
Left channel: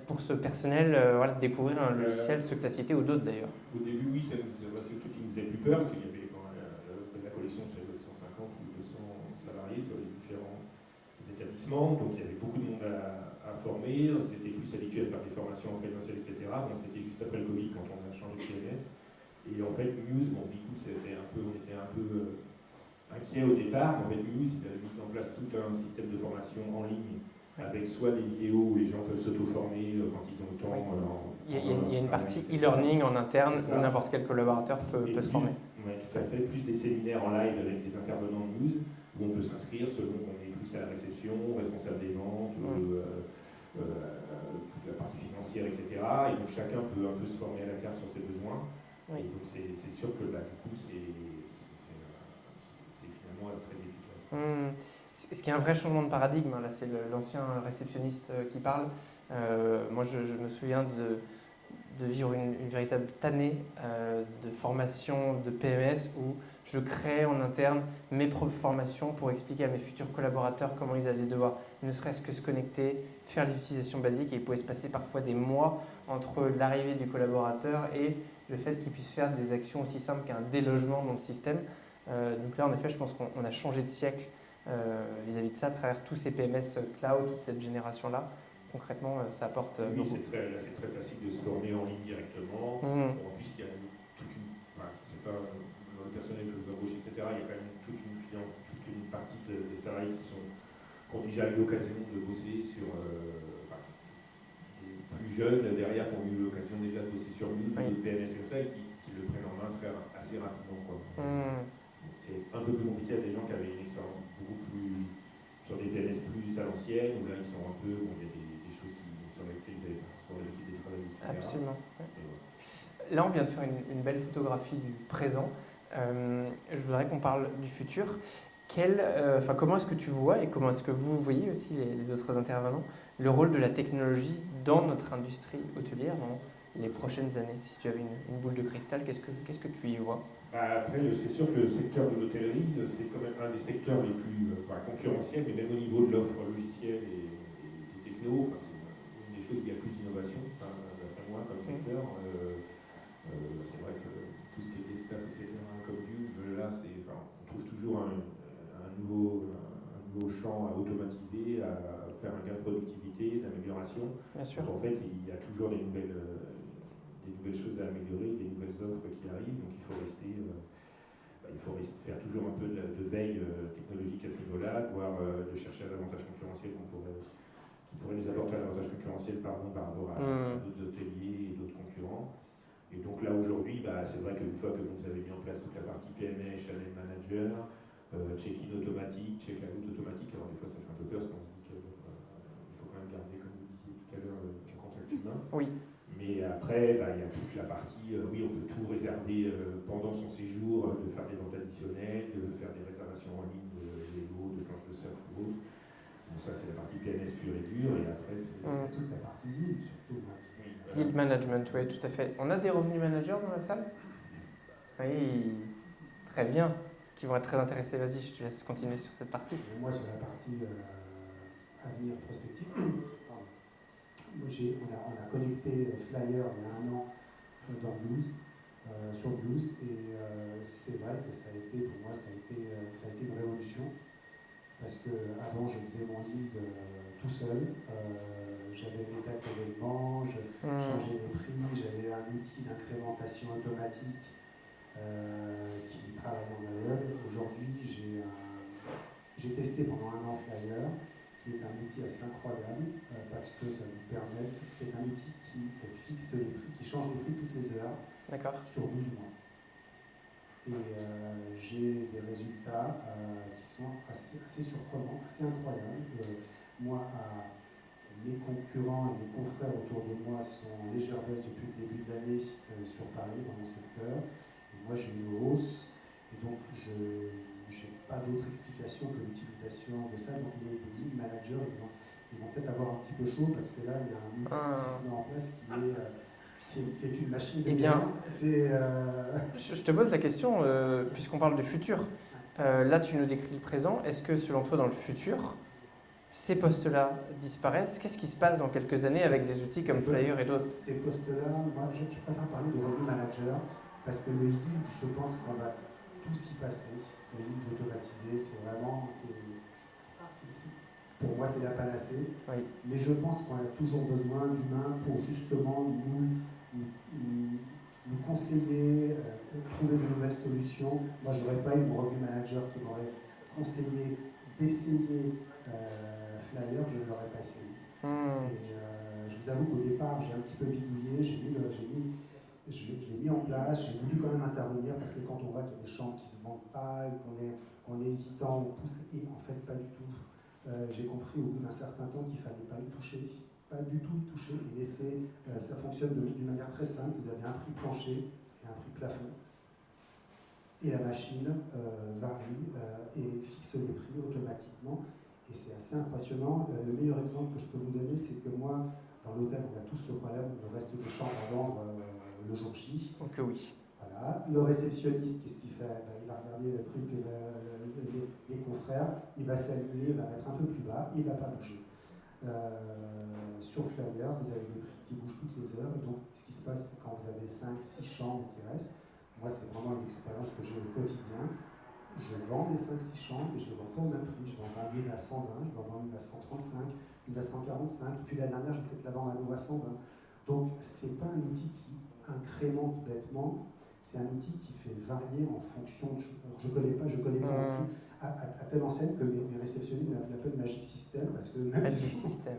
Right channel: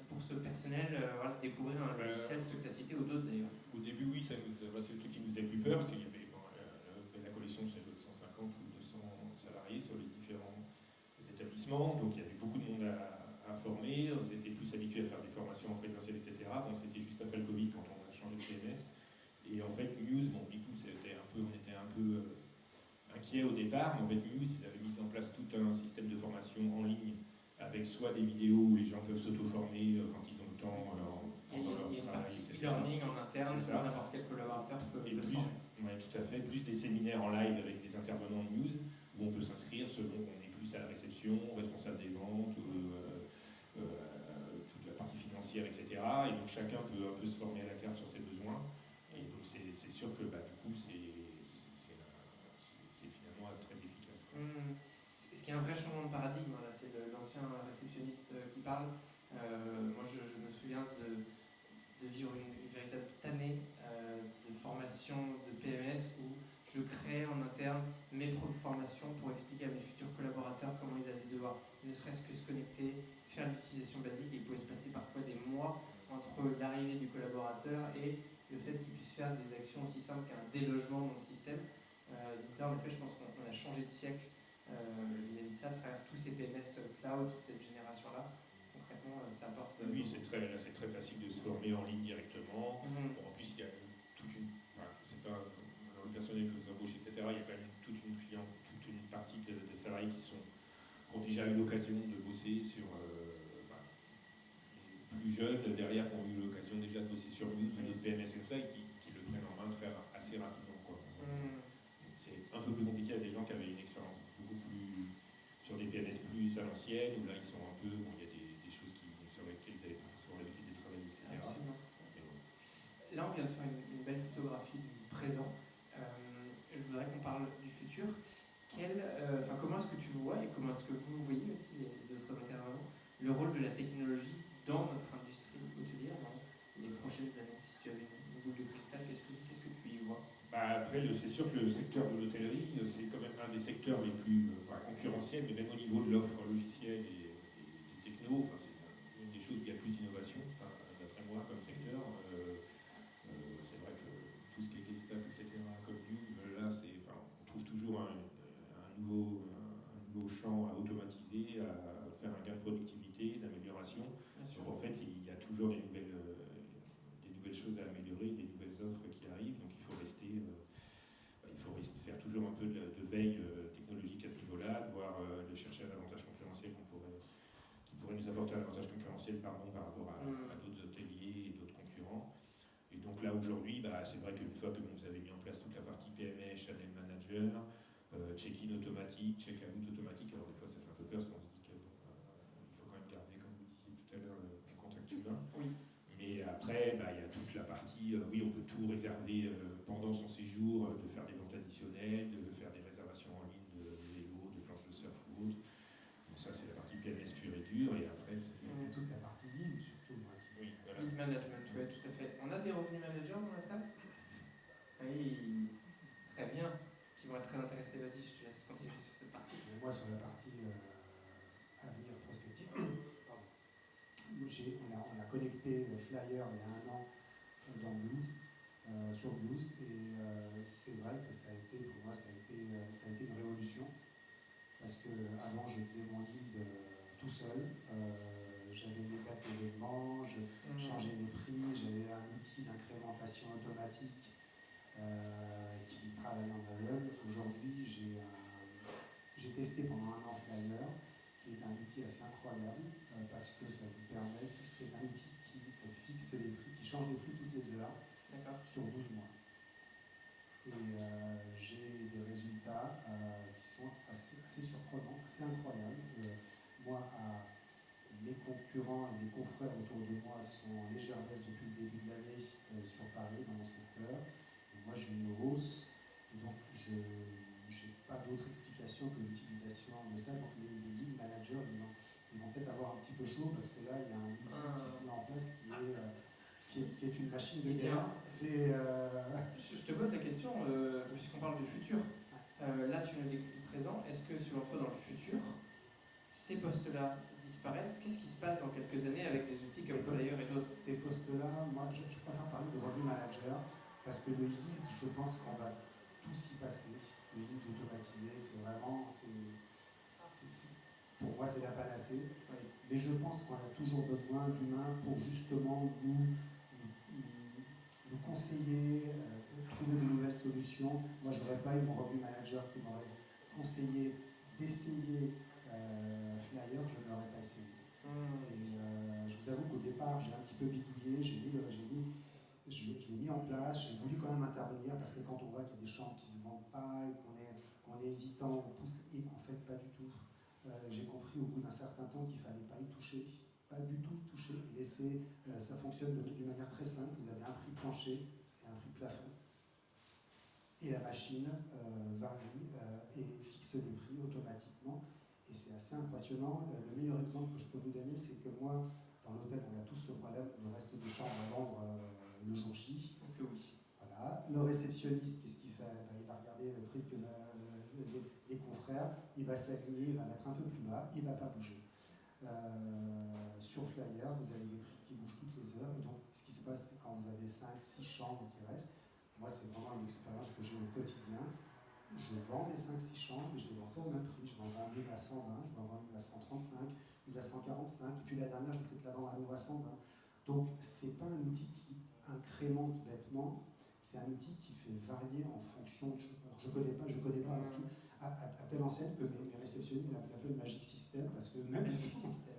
pour ce personnel voilà, de découvrir un logiciel, ceux que tu as cités ou d'autres d'ailleurs? Au début, oui, c'est le truc qui nous faisait plus peur, parce qu'il y avait quand la collection, je savais, de 150 ou 200 salariés sur les différents établissements, donc il y avait beaucoup de monde à former, on était plus habitués à faire des formations en présentiel, etc. Donc c'était juste après le Covid quand on a changé de PMS. Et en fait, Muse, bon, du coup, on était un peu inquiets au départ, mais en fait, Muse, ils avaient mis en place tout un système de formation en ligne, avec soit des vidéos où les gens peuvent s'auto-former quand ils ont le temps. Il y a une partie e-learning en interne où n'importe quel collaborateur peut se former. Oui, tout à fait. Plus des séminaires en live avec des intervenants de Muse, où on peut s'inscrire selon qu'on est plus à la réception, responsable des ventes, toute la partie financière, etc. Et donc chacun peut un peu se former à la carte sur ses besoins. Oui. Et donc c'est sûr que du coup, c'est finalement très efficace. Ce qui est un vrai changement de paradigme, là, c'est l'ancien réceptionniste qui parle. Moi, je me souviens de vivre une véritable tannée de formation de PMS où je créais en interne mes propres formations pour expliquer à mes futurs collaborateurs comment ils allaient devoir ne serait-ce que se connecter, faire l'utilisation basique, et il pouvait se passer parfois des mois entre l'arrivée du collaborateur et le fait qu'il puisse faire des actions aussi simples qu'un délogement dans le système. Donc là, en effet, je pense qu'on a changé de siècle vis-à-vis de ça à travers tous ces PMS cloud, toute cette génération-là. Concrètement, ça apporte oui, beaucoup. c'est très facile de se former en ligne directement. Bon, en plus, il y a toute une... Enfin, c'est pas dans le personnel que vous embauchez, etc. Il y a quand même toute une partie des salariés qui ont déjà eu l'occasion de bosser sur... les plus jeunes, derrière, qui ont eu l'occasion déjà de bosser sur Muse ou des PMS comme ça, et qui le prennent en main assez rapidement. C'est un peu plus compliqué à des gens qui avaient une expérience beaucoup plus... sur des PMS plus à l'ancienne, où là, ils sont un peu... Bon, il y a des choses sur lesquelles ils n'avaient pas forcément l'habitude de travailler, etc. Absolument. Là, on vient de faire une belle photographie du présent. Je voudrais qu'on parle du futur. Comment est-ce que tu vois, et comment est-ce que vous voyez aussi, les autres intervenants, le rôle de la technologie dans notre industrie hôtelière dans les prochaines années? Si tu avais une boule de cristal, qu'est-ce que tu y vois? Après, c'est sûr que le secteur de l'hôtellerie, c'est quand même un des secteurs les plus concurrentiels, mais même au niveau de l'offre logicielle et de techno, c'est une des choses où il y a plus d'innovation, d'après moi, comme secteur. C'est vrai que tout ce qui est Gestap, etc., comme Dieu, là, on trouve toujours un nouveau champ à automatiser, à faire un gain de productivité, d'amélioration. Bien sûr. Donc en fait, il y a toujours des nouvelles choses à améliorer, des nouvelles offres qui arrivent, donc il faut faire toujours un peu de veille technologique à ce niveau-là, voire de chercher un avantage concurrentiel qui pourrait nous apporter un avantage concurrentiel par rapport à d'autres hôteliers et d'autres concurrents. Et donc là aujourd'hui, c'est vrai qu'une fois que vous avez mis en place toute la partie PMS, Channel Manager, check-in automatique, check-out automatique, alors des fois ça fait un peu peur parce qu'on se dit qu'il faut quand même garder, comme vous disiez tout à l'heure, le contact humain. Oui. Mais après, il y a toute la partie, oui, on peut tout réserver pendant son séjour, de faire des ventes additionnelles, de faire des réservations en ligne de vélo, de planches de surf ou autre. Donc ça, c'est la partie PMS pure et dure, et après, c'est toute la partie yield, surtout. Oui, Yield management, oui, tout à fait. On a des revenus managers dans la salle? Oui, très bien. Qui vont être très intéressés. Vas-y, je te laisse continuer sur cette partie. Et moi, sur la partie avenir prospectif, on a connecté Flyer il y a un an dans Blues, sur Blues, et c'est vrai que pour moi, ça a été une révolution, parce qu'avant, je faisais mon lead tout seul, j'avais mes dates d'événements, je changeais les prix, j'avais un outil d'incrémentation automatique qui travaille en aveugle. Aujourd'hui, j'ai testé pendant un an Flyer, qui est un outil assez incroyable, parce que ça vous permet, c'est un outil qui fixe les prix, qui change les prix toutes les heures, sur 12 mois. Et j'ai des résultats qui sont assez surprenants, assez incroyables. Moi, mes concurrents et mes confrères autour de moi sont en légère baisse depuis le début de l'année sur Paris, dans mon secteur. Et moi, j'ai une hausse, et donc je n'ai pas d'autre explication que l'utilisation de ça. Donc les lead managers, ils vont peut-être avoir un petit peu chaud, parce que là, il y a un outil qui se met en place qui qui est une machine de Eh bien, guerre. C'est Je te pose la question, puisqu'on parle du futur. Là, tu nous décris le présent. Est-ce que, selon toi, dans le futur, ces postes-là disparaissent? Qu'est-ce qui se passe dans quelques années avec des outils comme Flyer et d'autres? ces postes-là, moi, je préfère parler de revenu manager parce que le lead, je pense qu'on va tous y passer. Le lead automatisé, c'est vraiment, pour moi, c'est la panacée. Oui. Mais je pense qu'on a toujours besoin d'humains pour justement nous conseiller, trouver de nouvelles solutions. Moi, je n'aurais pas eu mon revenu manager qui m'aurait conseillé d'essayer Flyer, je ne l'aurais pas essayé. Et je vous avoue qu'au départ, j'ai un petit peu bidouillé, je l'ai mis en place, j'ai voulu quand même intervenir parce que quand on voit qu'il y a des chambres qui ne se vendent pas et qu'on est hésitant, on pousse, et en fait, pas du tout. J'ai compris au bout d'un certain temps qu'il ne fallait pas y toucher, pas du tout y toucher et laisser. Ça fonctionne d'une manière très simple. Vous avez un prix plancher et un prix plafond. Et la machine varie et fixe le prix automatiquement. Et c'est assez impressionnant. Le meilleur exemple que je peux vous donner, c'est que moi, dans l'hôtel, on a tous ce problème de reste des chambres à vendre le jour J. Donc oui. Voilà. Le réceptionniste, qu'est-ce qu'il fait? Il va regarder le prix que les confrères, il va s'aligner, il va mettre un peu plus bas, il ne va pas bouger. Sur Flyer, vous avez des prix qui bougent toutes les heures, et donc ce qui se passe quand vous avez 5-6 chambres qui restent, moi c'est vraiment une expérience que j'ai au quotidien. Je vends des 5-6 chambres et je les vends pas au même prix. Je vais en vendre une à 120, je vais en vendre une à 135, une à 145, et puis la dernière, je vais peut-être la vendre à nouveau à 120. Donc c'est pas un outil qui incrémente bêtement, c'est un outil qui fait varier en fonction de... Je connais pas du tout. À telle enseigne que mes réceptionnistes l'appellent Magic System parce que même Magic System.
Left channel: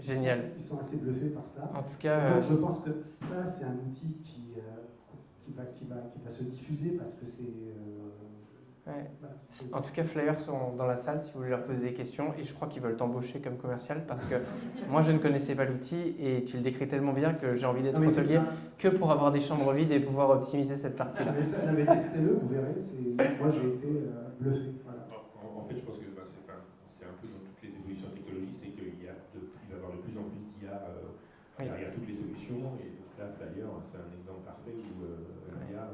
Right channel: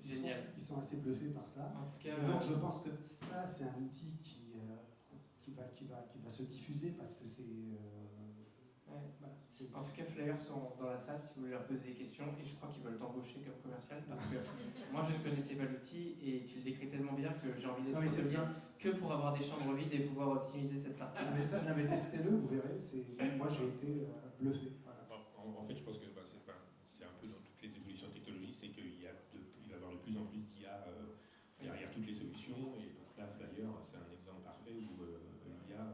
Génial. Ils sont assez bluffés par ça. En tout cas, donc je pense que ça c'est un outil qui va se diffuser parce que c'est... ouais. Voilà. En tout cas, Flyer sont dans la salle si vous voulez leur poser des questions et je crois qu'ils veulent t'embaucher comme commercial parce que moi je ne connaissais pas l'outil et tu le décris tellement bien que j'ai envie d'être hôtelier que pour avoir des chambres vides et pouvoir optimiser cette partie-là. Mais testez-le, vous verrez. Moi j'ai été bluffé. Voilà. En fait, je pense que c'est un peu dans toutes les évolutions technologiques, c'est qu'il va y avoir de plus en plus d'IA derrière toutes les solutions. Et donc là, Flyer, c'est un exemple parfait où l'IA...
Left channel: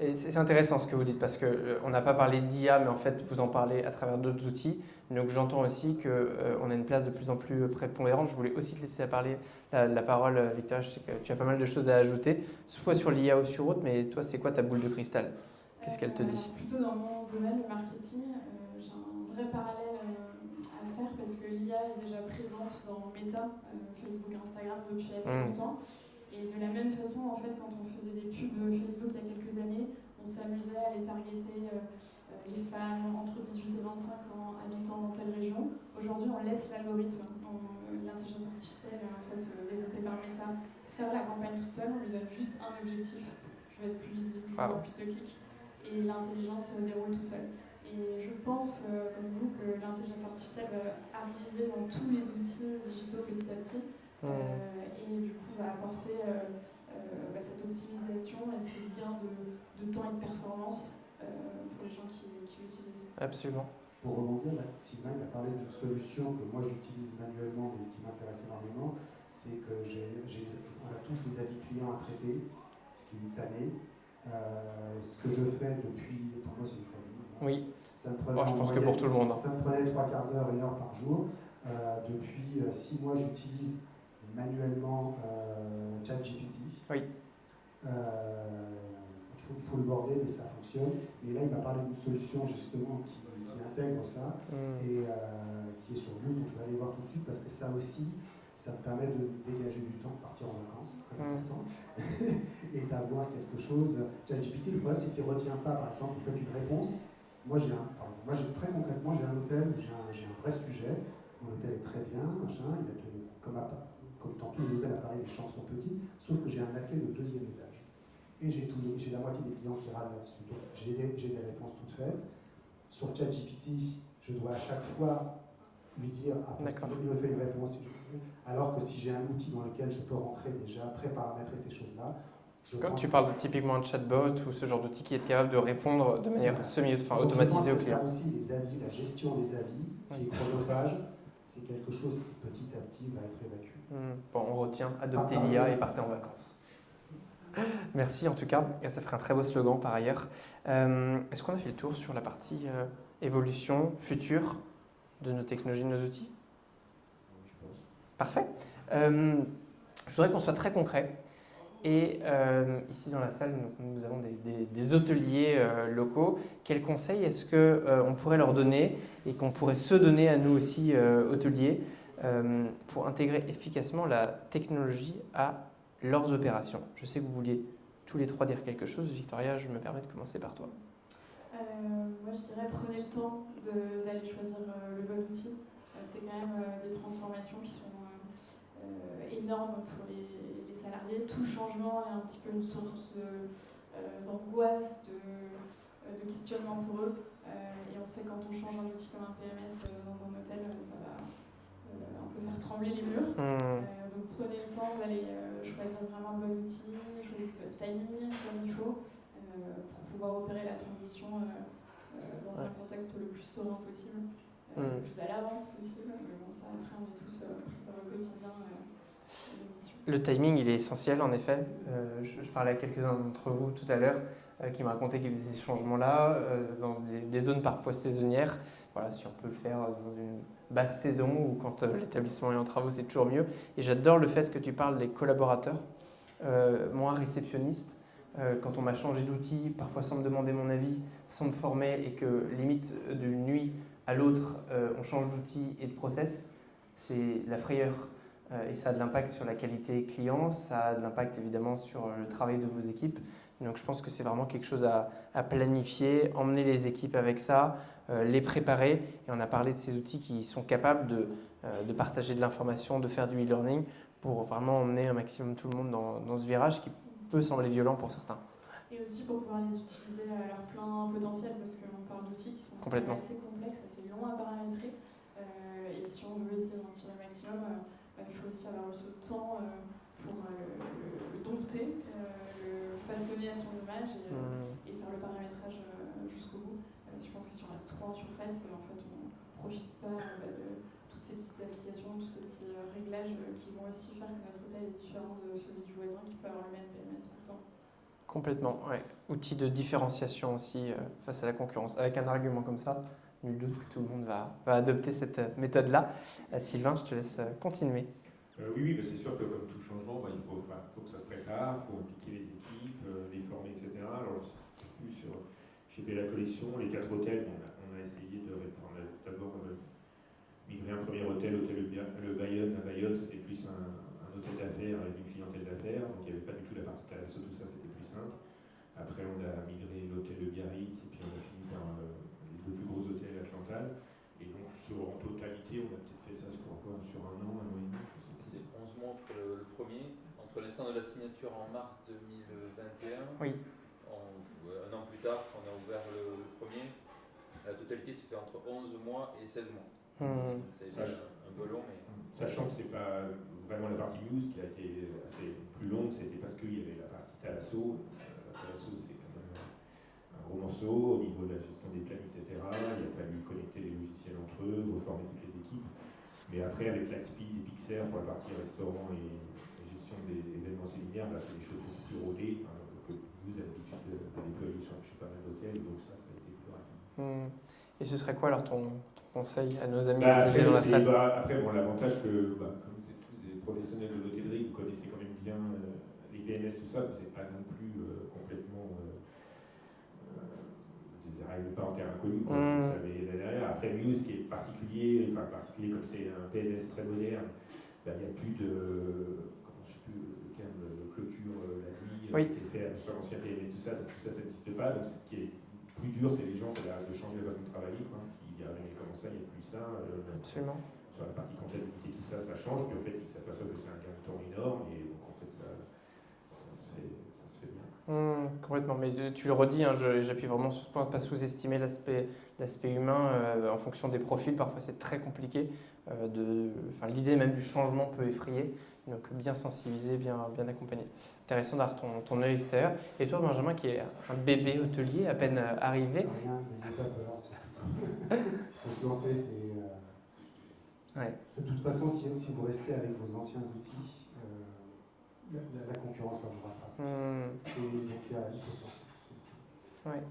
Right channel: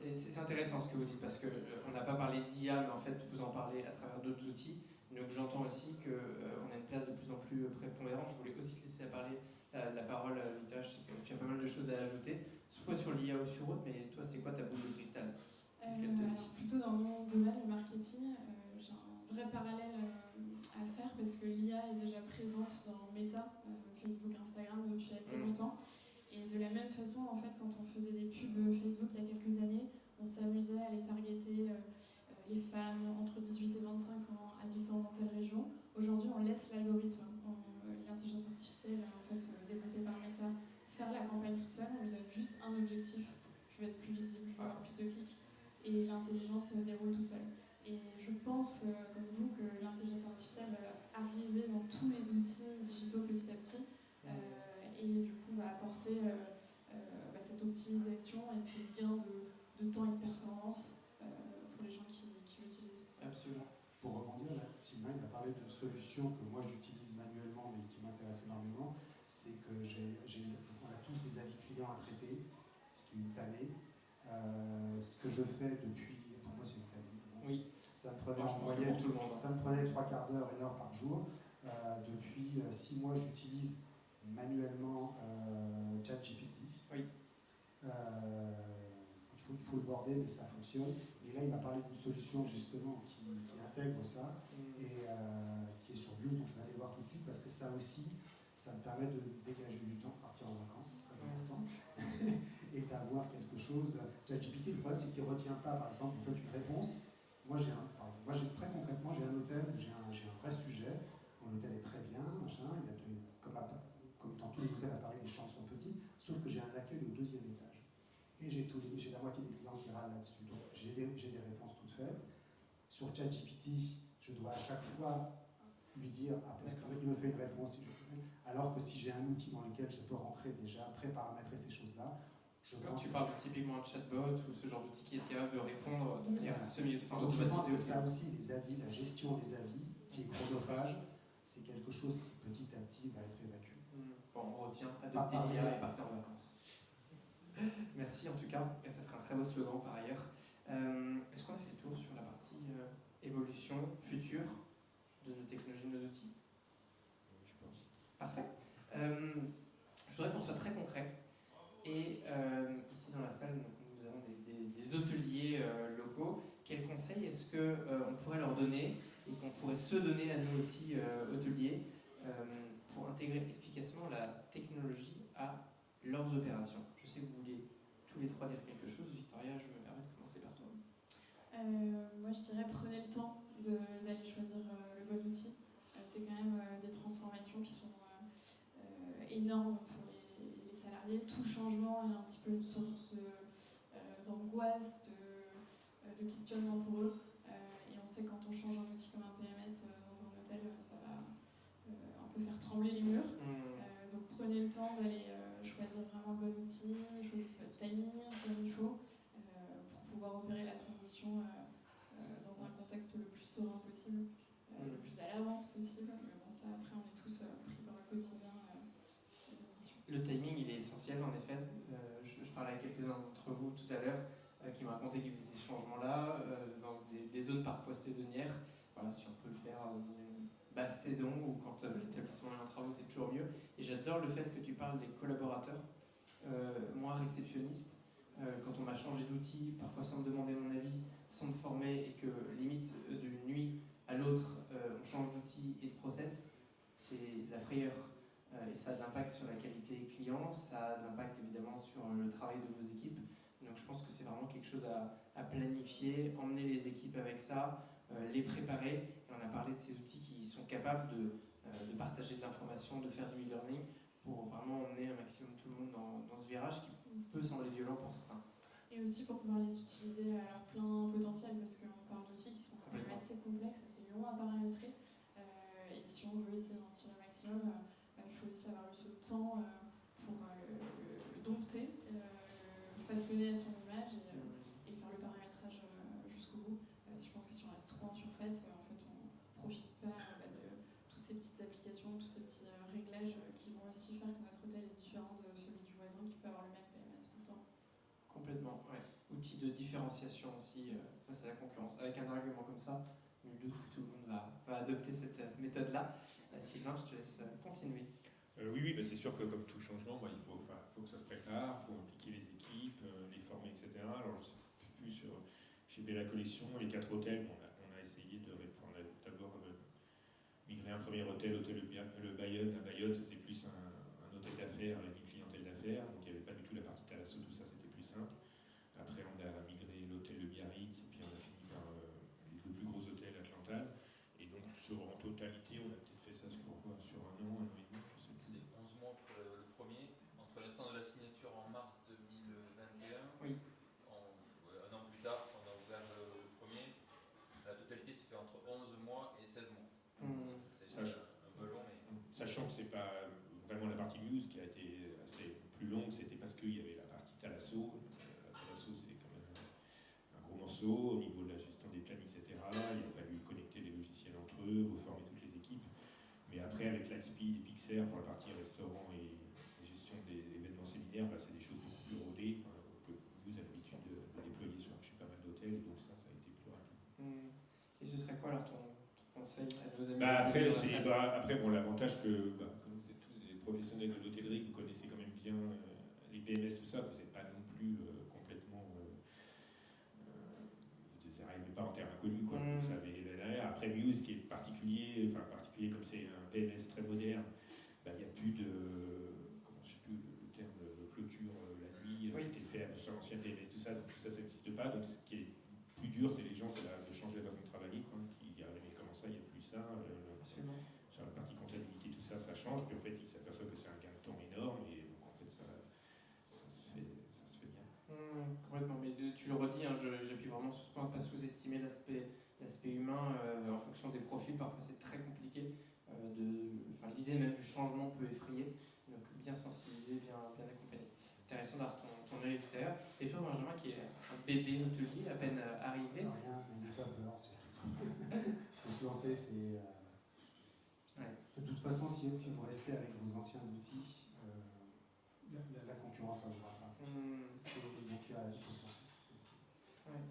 Et c'est intéressant ce que vous dites parce qu'on n'a pas parlé d'IA, mais en fait vous en parlez à travers d'autres outils. Donc j'entends aussi qu'on a une place de plus en plus prépondérante. Je voulais aussi te laisser la parole, Victoria. Je sais que tu as pas mal de choses à ajouter, soit sur l'IA ou sur autre, mais toi c'est quoi ta boule de cristal? Qu'est-ce qu'elle te dit? Plutôt dans mon domaine, le marketing, j'ai un vrai parallèle à faire parce que l'IA est déjà présente dans Meta, Facebook, Instagram depuis assez longtemps. Et de la même façon, en fait, quand on faisait des pubs Facebook il y a quelques années, on s'amusait à les targeter les femmes entre 18 et 25 ans habitant dans telle région. Aujourd'hui, on laisse l'algorithme, l'intelligence artificielle en fait, développée par Meta, faire la campagne toute seule. On lui donne juste un objectif. Je vais être plus visible, je vais avoir plus de clics. Et l'intelligence déroule toute seule. Et je pense, comme vous, que l'intelligence artificielle va arriver dans tous les outils digitaux petit à petit. Et du coup va apporter cette optimisation et ce gain de temps et de performance pour les gens qui l'utilisent. Absolument. Pour rebondir, là, Sylvain a parlé d'une solution que moi j'utilise manuellement mais qui m'intéresse énormément, c'est que on a tous des avis clients à traiter, ce qui est tanné. Ce que je fais depuis, pour moi c'est une tanné. Oui. Ça me prenait je pense que pour tout le monde. Ça me prenait 3 quarts d'heure, 1 heure par jour. Depuis 6 mois, j'utilise manuellement ChatGPT. Oui. Il faut le border, mais ça fonctionne. Et là, il m'a parlé d'une solution justement qui intègre ça et qui est sur Vue, donc je vais aller voir tout de suite parce que ça aussi, ça me permet de dégager du temps, partir en vacances, très important, et d'avoir quelque chose. ChatGPT, le problème, c'est qu'il ne retient pas, par exemple, peut-être une réponse. Moi, très concrètement, j'ai un hôtel où j'ai un vrai sujet. Mon hôtel est très bien, machin, comme dans tous les hôtels à Paris, les chambres sont petites, sauf que j'ai un accueil au 2e étage. Et j'ai la moitié des clients qui râlent là-dessus. Donc j'ai des réponses toutes faites. Sur ChatGPT, je dois à chaque fois lui dire parce qu'il me fait une réponse. Alors que si j'ai un outil dans lequel je peux rentrer déjà, pré-paramétrer ces choses-là. Quand tu parles typiquement de chatbot ou ce genre d'outil qui est capable de répondre de manière automatisée aux clients. Ça aussi, les avis, la gestion des avis, qui est chronophage, c'est quelque chose qui petit à petit va être évacué. Bon, tiens, adoptez l'IA et partez en vacances. Merci en tout cas, et ça ferait un très beau slogan par ailleurs. Est-ce qu'on a fait le tour sur la partie évolution future de nos technologies, de nos outils? Je pense. Parfait. Je voudrais qu'on soit très concret. Et ici dans la salle, nous avons des hôteliers locaux. Quels conseils est-ce qu'on pourrait leur donner et qu'on pourrait se donner à nous aussi, hôteliers, pour intégrer efficacement la technologie à leurs opérations? Je sais que vous vouliez tous les trois dire quelque chose. Victoria, je me permets de commencer par toi. Moi, je dirais prenez le temps d'aller choisir le bon outil. C'est quand même des transformations qui sont énormes pour les salariés. Tout changement est un petit peu une source d'angoisse, de questionnement pour eux. Et on sait quand on change un outil comme un PMS dans un hôtel, ça va un peu faire trembler les murs. Donc prenez le temps d'aller choisir vraiment le bon outil, choisissez votre timing comme il faut pour pouvoir opérer la transition dans un contexte le plus serein possible, le plus à l'avance possible. Mais bon, ça après on est tous pris par le quotidien de l'émission. Le timing, il est essentiel en effet. Je parlais à quelques-uns d'entre vous tout à l'heure qui me racontaient qu'ils faisaient ces changements-là dans des zones parfois saisonnières. Voilà, si on peut le faire dans une basse saison ou quand l'établissement est en travaux, c'est toujours mieux. Et j'adore le fait que tu parles des collaborateurs. Moi, réceptionniste, quand on m'a changé d'outil, parfois sans me demander mon avis, sans me former et que limite d'une nuit à l'autre, on change d'outil et de process, c'est la frayeur. Et ça a de l'impact sur la qualité client, ça a de l'impact évidemment sur le travail de vos équipes. Donc je pense que c'est vraiment quelque chose à planifier, emmener les équipes avec ça, les préparer. Et on a parlé de ces outils qui sont capables de partager de l'information, de faire du e-learning pour vraiment emmener un maximum tout le monde dans ce virage qui peut sembler violent pour certains. Et aussi pour pouvoir les utiliser à leur plein potentiel, parce qu'on parle d'outils qui sont assez complexes, assez longs à paramétrer. Et si on veut essayer d'en tirer le maximum, il faut aussi avoir ce temps pour le dompter, le façonner à son image et faire le paramétrage jusqu'au bout. Je pense que si on reste trop en surface, en fait, on ne profite pas de toutes ces petites applications, tous ces petits réglages qui vont aussi faire que notre hôtel est différent de celui du voisin qui peut avoir le même PMS pourtant. Complètement, ouais. Outil de différenciation aussi face à la concurrence. Avec un argument comme ça, nul doute que tout le monde va adopter cette méthode-là. Sylvain, je te laisse continuer. Oui, mais c'est sûr que comme tout changement, il faut que ça se prépare, il faut impliquer les équipes, les former, etc. Alors je sais plus chez Bella Collection, les 4 hôtels, on a essayé on a d'abord migré un premier hôtel le Bayonne à Bayonne, ça c'est plus un hôtel d'affaires avec une clientèle d'affaires, donc il n'y avait pas du tout la partie thalasso, tout ça c'était plus simple. Après on a migré l'hôtel de Biarritz et puis on a fini par les 2 plus gros hôtels à Cantal. Et donc en totalité, on a peut-être fait ça sur un an et demi, je sais plus. C'est 11 mois pour le premier. Entre l'instant de la signature en mars 2021, oui. Un an plus tard, on a ouvert le premier. La totalité s'est fait entre 11 mois et 16 mois. Ça a été un peu long. Mais... Sachant que c'est pas vraiment la partie news qui a été assez plus longue, c'était parce qu'il y avait la partie Thalasso. Thalasso, c'est quand même un gros morceau au niveau de la gestion des plannings, etc. Il a fallu connecter les logiciels entre eux, reformer toutes les équipes. Mais après, avec l'Axpi et Pixar pour la partie restaurant et gestion des événements séminaires, là, c'est des choses beaucoup plus rodées que vous avez l'habitude de déployer chez pas mal d'hôtels. Donc ça a été plus rapide. Et ce serait quoi alors ton conseil à nos amis hôteliers dans la salle? Après, l'avantage que, comme vous êtes tous des professionnels de l'hôtellerie, vous connaissez quand même bien les PMS, tout ça, vous n'êtes pas non plus complètement... vous n'arrivez pas en terre inconnue, vous savez là derrière. Après, Muse, qui est particulier comme c'est un PMS très moderne, il n'y a plus de... je ne sais plus le terme, de clôture la nuit, qui était fait sur l'ancien PMS, tout ça, donc tout ça, ça n'existe pas. Donc ce qui est plus dur, c'est les gens, c'est de changer la façon de travailler. Il y a comment ça, il n'y a plus ça. Absolument. Sur la partie comptabilité, tout ça, ça change. Puis en fait, ils s'aperçoivent que c'est un gain de temps énorme. Et donc en fait, ça se fait bien. Complètement. Mais tu le redis, j'appuie vraiment sur ce point, pas sous-estimer l'aspect humain en fonction des profils. Parfois, c'est très compliqué. L'idée même du changement peut effrayer. Donc bien sensibiliser, bien accompagner. Intéressant d'avoir ton œil extérieur. Et toi, Benjamin, qui est un bébé hôtelier, à peine arrivé. Rien, n'ayez pas peur. Il faut se lancer, c'est... Ouais. De toute façon, si vous restez avec vos anciens outils, ça vous rattrape. Hmm. Et donc il faut se lancer. Ouais.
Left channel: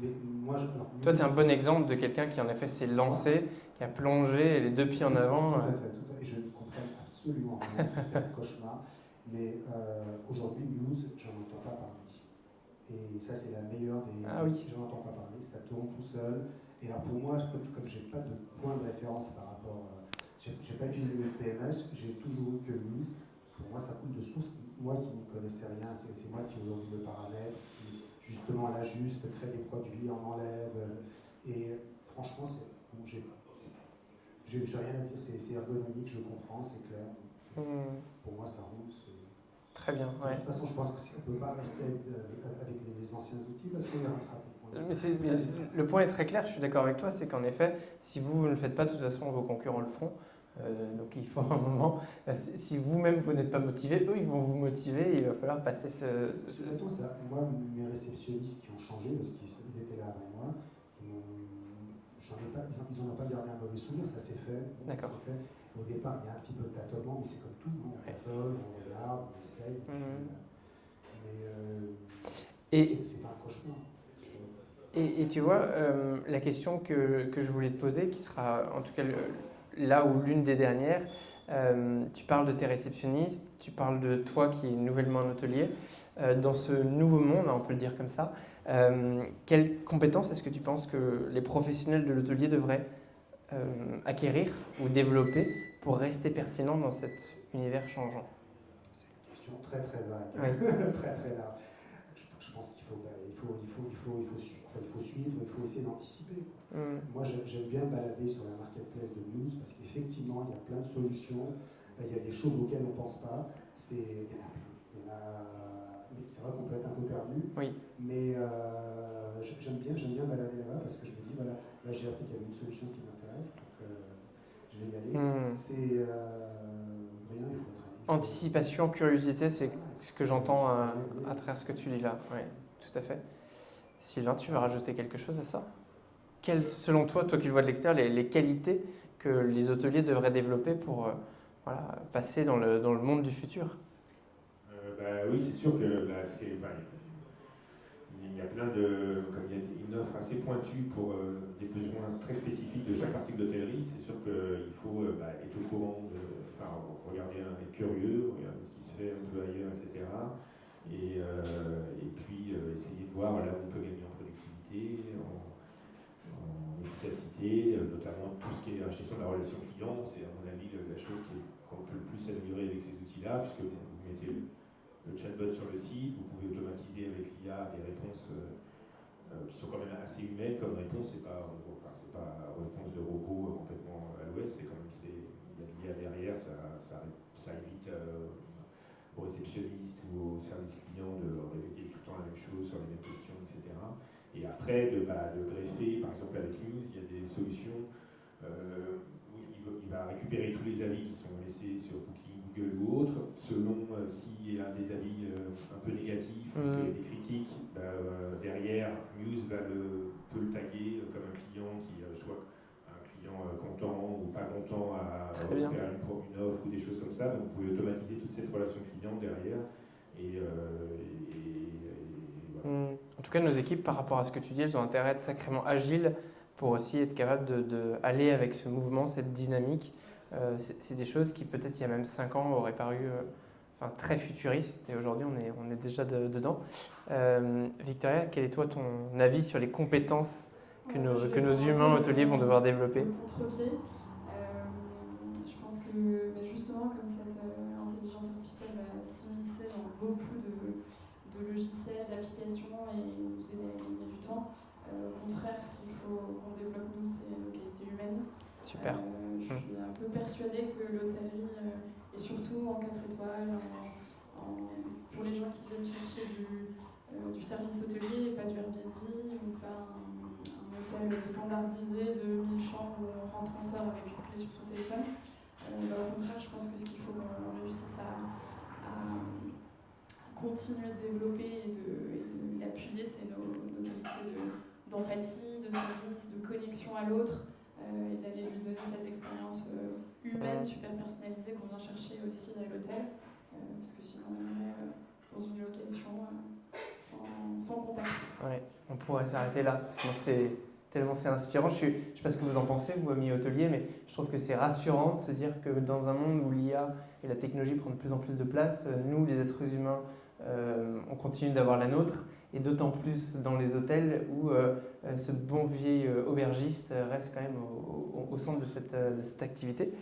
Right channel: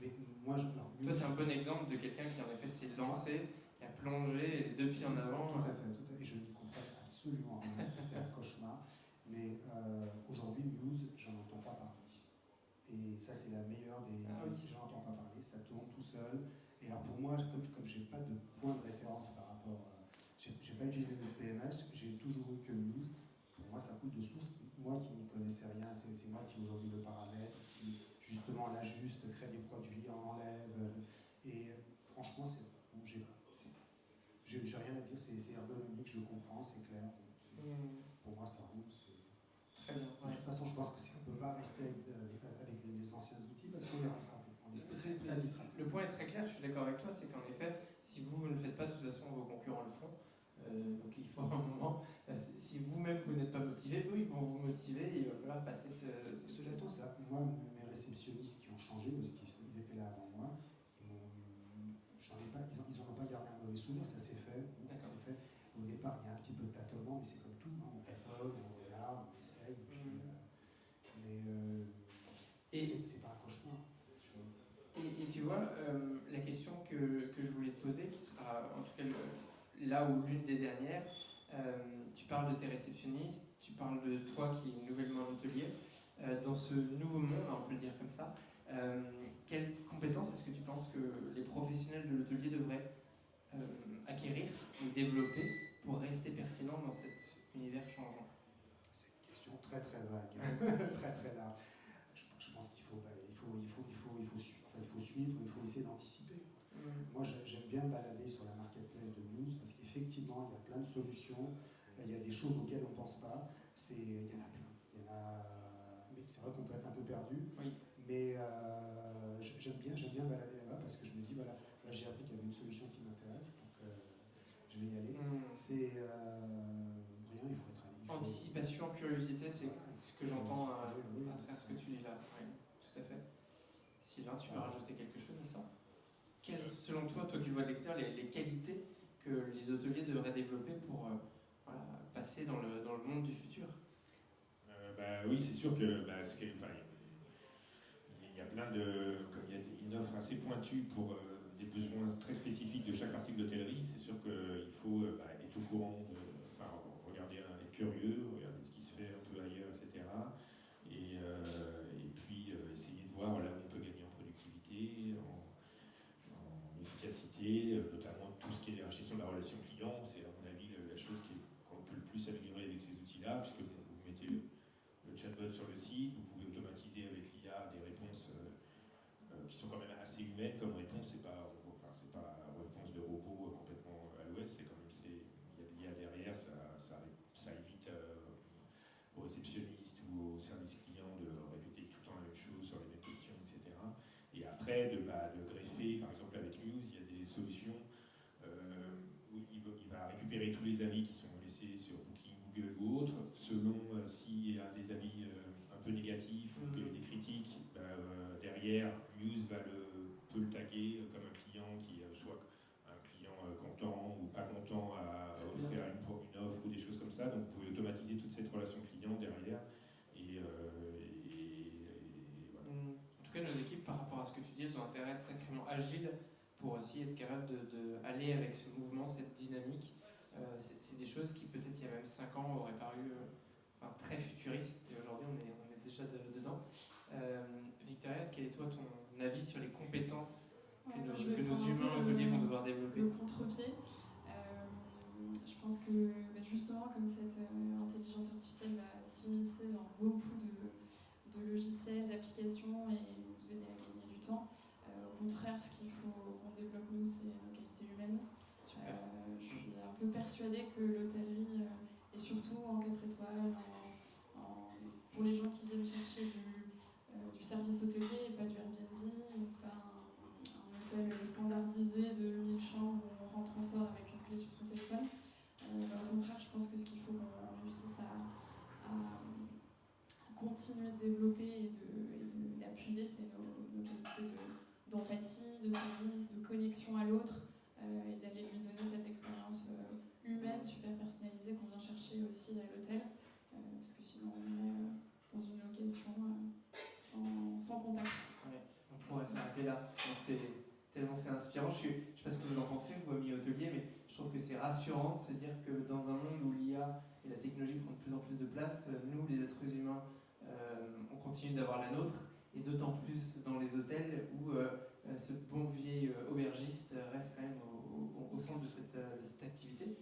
Mais moi, Toi, tu es un bon exemple de quelqu'un qui en effet s'est lancé, qui a plongé les deux pieds en avant. Tout à fait. Et je ne comprends absolument rien, c'était un cauchemar. Mais aujourd'hui, news, j'en entends pas parler. Et ça, c'est la meilleure des. Ah oui. J'en entends pas parler, ça tourne tout seul. Et alors pour moi, comme j'ai pas de point de référence par rapport. J'ai pas utilisé le PMS, j'ai toujours eu que news. Pour moi, ça coule de source. Moi qui n'y connaissais rien, c'est moi qui aujourd'hui le paramètre, qui justement l'ajuste, crée des produits, en enlève. Et franchement, bon, j'ai rien à dire, c'est ergonomique, je comprends, c'est clair. Pour moi, ça roule. Très bien. De toute façon, je pense qu'on ne peut pas rester avec les anciens outils parce qu'on les rattrape. Mais le point est très clair, je suis d'accord avec toi, c'est qu'en effet, si vous ne le faites pas, de toute façon, vos concurrents le feront. Donc il faut un moment, si vous-même vous n'êtes pas motivé, eux ils vont vous motiver et il va falloir passer ce... De toute façon, moi, mes réceptionnistes qui ont changé, parce qu'ils étaient là avant moi, ils n'en ont pas gardé un mauvais souvenir, ça s'est fait. D'accord. Au départ, il y a un petit peu de tâtonnement, mais c'est comme tout, on tâtonne, on regarde, on essaye. Mais c'est pas un cauchemar. Et tu vois, la question que je voulais te poser, qui sera en tout cas là où l'une des dernières, tu parles de tes réceptionnistes, tu parles de toi qui est nouvellement en hôtelier. Dans ce nouveau monde, on peut le dire comme ça, quelles compétences est-ce que tu penses que les professionnels de l'hôtelier devraient acquérir ou développer pour rester pertinents dans cet univers changeant? C'est une question très très vague, oui. très très large. Je pense qu'il faut suivre, il faut essayer d'anticiper. Moi, j'aime bien me balader sur la marketplace de news parce qu'effectivement, il y a plein de solutions, il y a des choses auxquelles on ne pense pas. Il y en a plein. Mais c'est vrai qu'on peut être un peu perdu. Oui. Mais j'aime bien balader là-bas parce que je me dis, voilà, là j'ai appris qu'il y avait une solution qui m'intéresse, donc je vais y aller. C'est rien, il faut être. Anticipation, curiosité, c'est ce que j'entends à travers ce que tu dis là. Oui, tout à fait. Sylvain, tu veux rajouter quelque chose à ça? Quelles, selon toi qui le vois de l'extérieur, les qualités que les hôteliers devraient développer pour passer dans le monde du futur? Oui, c'est sûr que il y a plein de, comme il y a une offre assez pointue pour des besoins très spécifiques de chaque article d'hôtellerie, c'est sûr qu'il faut être au courant, regarder, être curieux, regarder ce qui se fait un peu ailleurs, etc. Et puis essayer de voir là où on peut gagner en productivité, en efficacité, notamment tout ce qui est la gestion de la relation client. C'est à mon avis la chose qu'on peut le plus améliorer avec ces outils-là, puisque vous mettez le chatbot sur le site, vous pouvez automatiser avec l'IA des réponses qui sont quand même assez humaines comme réponse, c'est pas réponse de robot complètement à l'ouest, c'est quand même, il y a de l'IA derrière, ça évite aux réceptionnistes ou aux services clients de répéter tout le temps la même chose sur les mêmes questions, etc. Et après, de greffer, par exemple avec News, il y a des solutions où il va récupérer tous les avis qui sont laissés sur Booking, Google ou autres, selon s'il y a des avis un peu négatifs ou des critiques, derrière, News peut le taguer comme un client qui soit un client content ou pas content à faire une offre ou des choses comme ça. Donc vous pouvez automatiser toute cette relation client derrière. Et voilà. En tout cas, nos équipes, par rapport à ce que tu dis, elles ont intérêt à être sacrément agiles pour aussi être capables d'aller avec ce mouvement, cette dynamique. C'est des choses qui, peut-être il y a même 5 ans, auraient paru très futuristes, et aujourd'hui, on est déjà dedans. Victoria, quel est toi ton avis sur les compétences que nos humains hôteliers vont devoir développer? Contre-pied. Je pense que justement, comme cette intelligence artificielle va s'immiscer dans beaucoup de logiciels, d'applications et nous aider à gagner du temps, au contraire, ce qu'il faut qu'on développe nous, c'est nos qualités humaines. Super. Je suis un peu persuadée que l'hôtellerie, et surtout en 4 étoiles, pour les gens qui viennent chercher du service hôtelier et pas du Airbnb ou pas un hôtel standardisé de 1000 chambres où on rentre, on sort avec une clé sur son téléphone. Au contraire, je pense que ce qu'il faut qu'on réussisse à continuer de développer et d'appuyer, c'est nos qualités d'empathie, de service, de connexion à l'autre, et d'aller lui donner cette expérience humaine, super personnalisée qu'on vient chercher aussi à l'hôtel, parce que sinon on est dans une sans contact. Ouais, on pourrait s'arrêter là. Tellement c'est inspirant. Je sais pas ce que vous en pensez, vous, amis hôteliers, mais je trouve que c'est rassurant de se dire que dans un monde où l'IA et la technologie prennent de plus en plus de place, nous, les êtres humains, on continue d'avoir la nôtre, et d'autant plus dans les hôtels où ce bon vieil aubergiste reste quand même au centre de cette activité.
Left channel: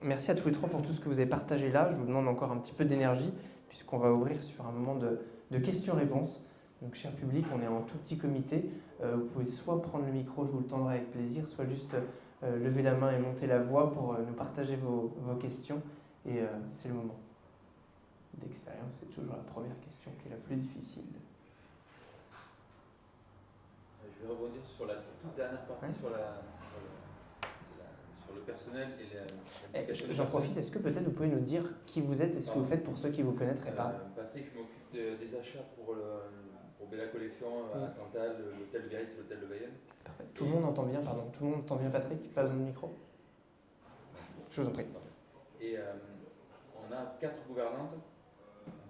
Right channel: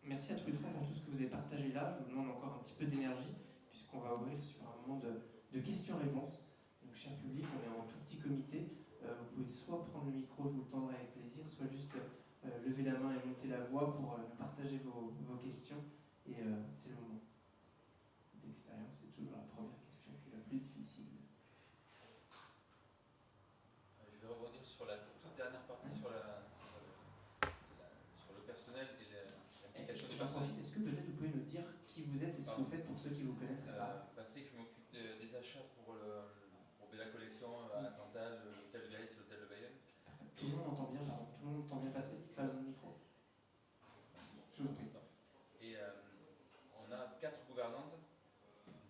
Merci à tous les trois pour tout ce que vous avez partagé là. Je vous demande encore un petit peu d'énergie, puisqu'on va ouvrir sur un moment de questions-réponses. Donc, cher public, on est en tout petit comité. Vous pouvez soit prendre le micro, je vous le tendrai avec plaisir, soit juste lever la main et monter la voix pour nous partager vos questions. Et c'est le moment d'expérience. C'est toujours la première question qui est la plus difficile. Je vais rebondir sur la toute dernière partie, sur le personnel et l'implication du J'en personnel. profite, est-ce que peut-être vous pouvez nous dire qui vous êtes et ce que vous faites pour ceux qui ne vous connaîtraient pas? Patrick, je m'occupe des achats pour Bella Collection à Cantal, l'hôtel de Biarritz et l'hôtel de Bayonne. Parfait. Tout le monde entend bien, pardon. Tout le monde entend bien Patrick, pas besoin de micro. Je vous en prie. Et on a 4 gouvernantes,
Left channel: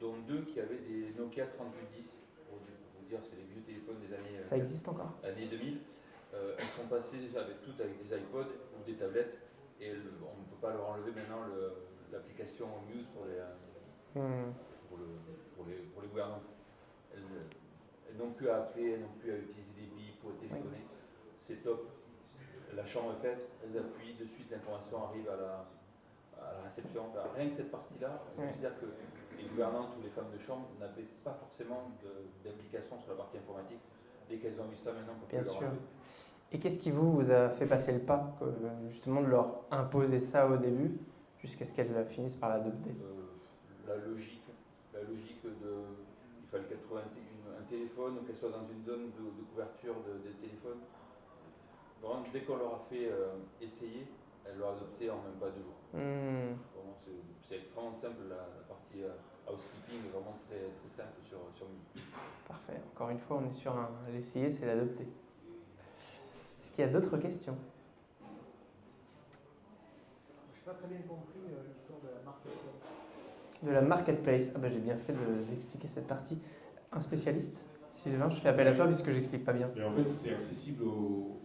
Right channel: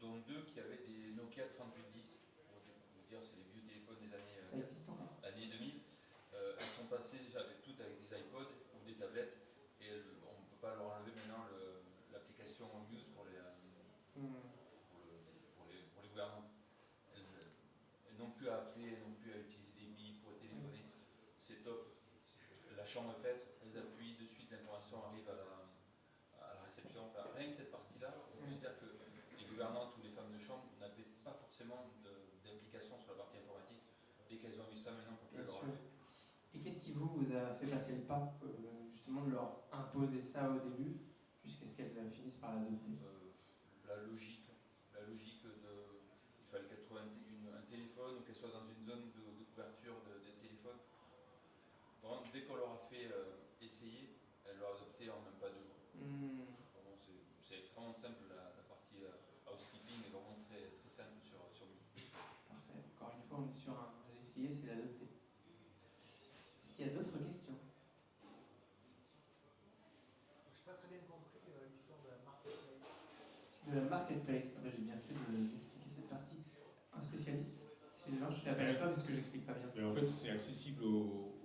dont 2 qui avaient des Nokia 3810. Pour vous dire, c'est les vieux téléphones des années, Ça existe encore? années 2000. Elles sont passées toutes avec des iPods ou des tablettes. Et on ne peut pas leur enlever maintenant l'application Muse pour les gouvernantes. Elles n'ont plus à appeler, elles n'ont plus à utiliser des billes pour téléphoner. C'est top. La chambre est faite, elles appuient, de suite l'information arrive à la réception. Enfin, rien que cette partie-là, on considère que les gouvernantes ou les femmes de chambre n'avaient pas forcément d'implication sur la partie informatique. Dès qu'elles ont vu ça, maintenant, on peut Bien leur sûr. enlever. Et qu'est-ce qui vous a fait passer le pas, justement, de leur imposer ça au début, jusqu'à ce qu'elles finissent par l'adopter? La logique il fallait qu'elles trouvent un téléphone ou qu'elles soient dans une zone de couverture des téléphones. Vraiment, dès qu'on leur a fait essayer, elles l'ont adopté en même pas 2 jours. Vraiment, c'est extrêmement simple, la partie housekeeping est vraiment très, très simple sur Muse. Parfait. Encore une fois, on est sur l'essayer, c'est l'adopter. Est-ce qu'il y a d'autres questions? Je n'ai pas très bien compris l'histoire de la marketplace. De la marketplace. Ah ben, j'ai bien fait d'expliquer cette partie. Un spécialiste? Sylvain, je fais appel à toi puisque j'explique pas bien. Mais en fait, c'est accessible au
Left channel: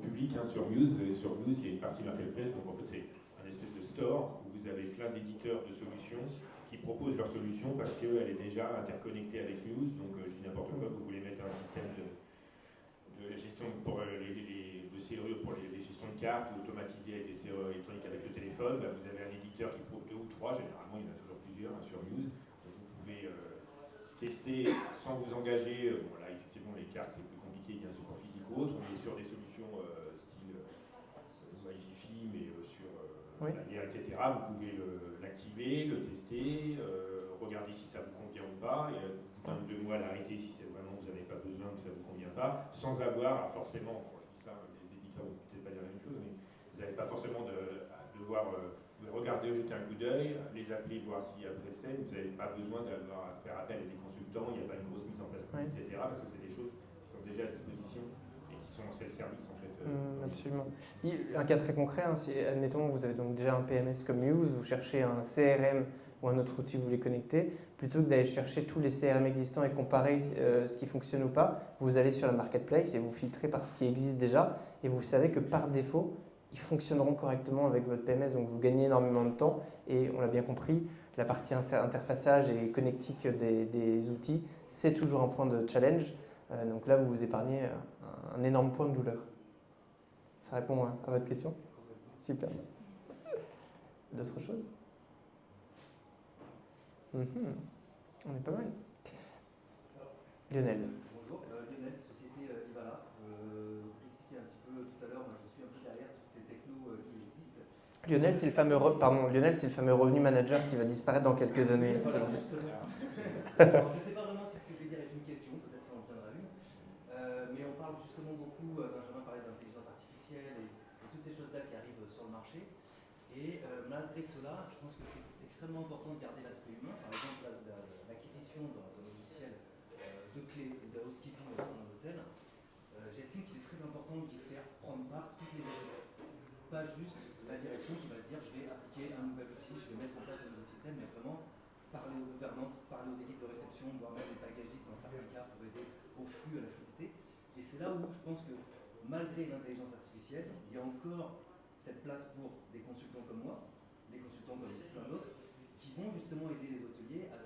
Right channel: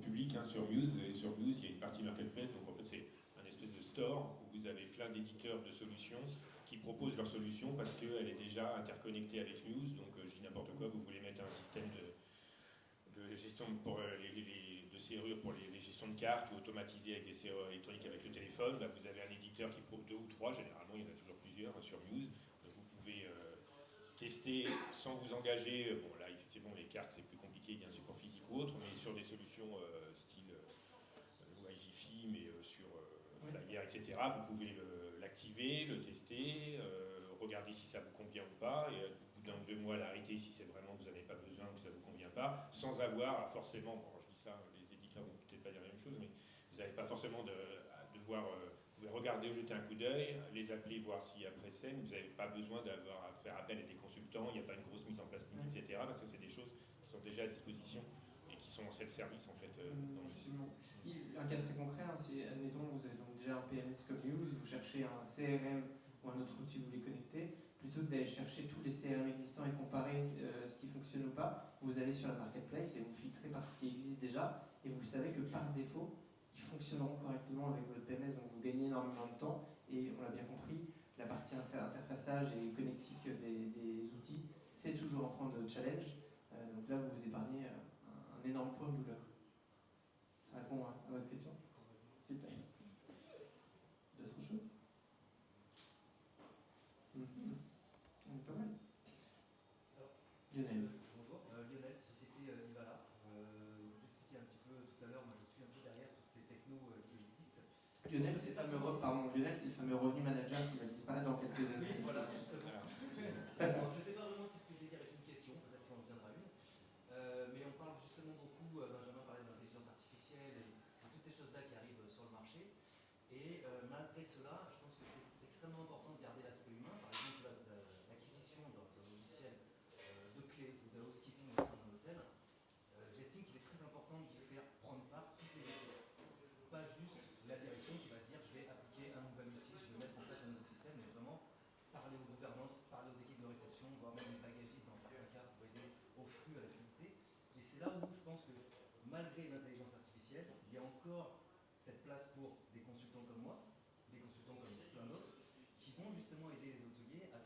public sur Muse. Et sur Muse, il y a une partie marketplace. Donc en fait, c'est un espèce de store où vous avez plein d'éditeurs de solutions qui proposent leurs solutions parce qu'elle est déjà interconnectée avec Muse. Donc je dis n'importe quoi, vous voulez mettre un système de gestion pour de serrure pour les gestions de cartes, automatisé avec des serrures électroniques avec le téléphone. Là, vous avez un éditeur qui propose 2 ou 3, généralement il y en a toujours plusieurs sur Muse. Donc, vous pouvez tester sans vous engager. Bon là effectivement les cartes c'est plus compliqué, il y a un support physique ou autre, mais sur des solutions style MyGifi, mais sur Flyer, etc. Vous pouvez l'activer, le tester, regarder si ça vous convient ou pas, et au bout d'un ou 2 mois l'arrêter si c'est vraiment vous n'avez pas besoin, que ça vous convient pas, sans avoir forcément, bon, je dis ça, les éditeurs vont peut-être pas dire la même chose, mais vous n'avez pas forcément à devoir, vous pouvez regarder, jeter un coup d'œil, les appeler, voir si après c'est, vous n'avez pas besoin d'avoir à faire appel à des consultants, il n'y a pas une grosse mise en place, etc. Parce que c'est des choses qui sont déjà à disposition et qui sont en self-service en fait. Absolument. Un cas très concret, c'est, admettons, vous avez donc déjà un PMS comme Muse, vous cherchez un CRM ou un autre outil, vous voulez connecter, plutôt que d'aller chercher tous les CRM existants et comparer ce qui fonctionne ou pas, vous allez sur la marketplace et vous filtrez par ce qui existe déjà, et vous savez que par défaut, ils fonctionneront correctement avec votre PMS, donc vous gagnez énormément de temps, et on l'a bien compris, la partie interfaçage et connectique des outils, c'est toujours un point de challenge, donc là vous vous épargnez un énorme point de douleur. Ça répond à votre question? Super. D'autres choses? On est pas mal. Lionel. Bonjour, Lionel, société Ivala. Vous expliquez un petit peu tout à l'heure, moi je suis un peu derrière toutes ces technos qui existent. Lionel, c'est le fameux revenu manager qui va disparaître dans quelques années. Voilà, justement. Alors, je ne sais pas vraiment si ce que je vais dire est une question, peut-être ça en viendra une. Mais on parle justement beaucoup, Benjamin parlait d'intelligence artificielle et toutes ces choses-là qui arrivent sur le marché. Et malgré cela, je pense que c'est extrêmement important de garder l'aspect humain. Par exemple, l'acquisition d'un logiciel de clés et de housekeeping au sein d'un hôtel. J'estime qu'il est très important d'y faire prendre part toutes les équipes. Pas juste la direction qui va se dire je vais appliquer un nouvel outil, je vais mettre en place un nouveau système, mais vraiment parler parler aux gouvernantes, parler aux équipes de réception, voire même les bagagistes dans certains cas pour aider au flux, à la fluidité. Et c'est là où je pense que malgré l'intelligence artificielle, il y a encore cette place pour des consultants comme moi, des consultants comme plein d'autres, qui vont justement aider les hôteliers à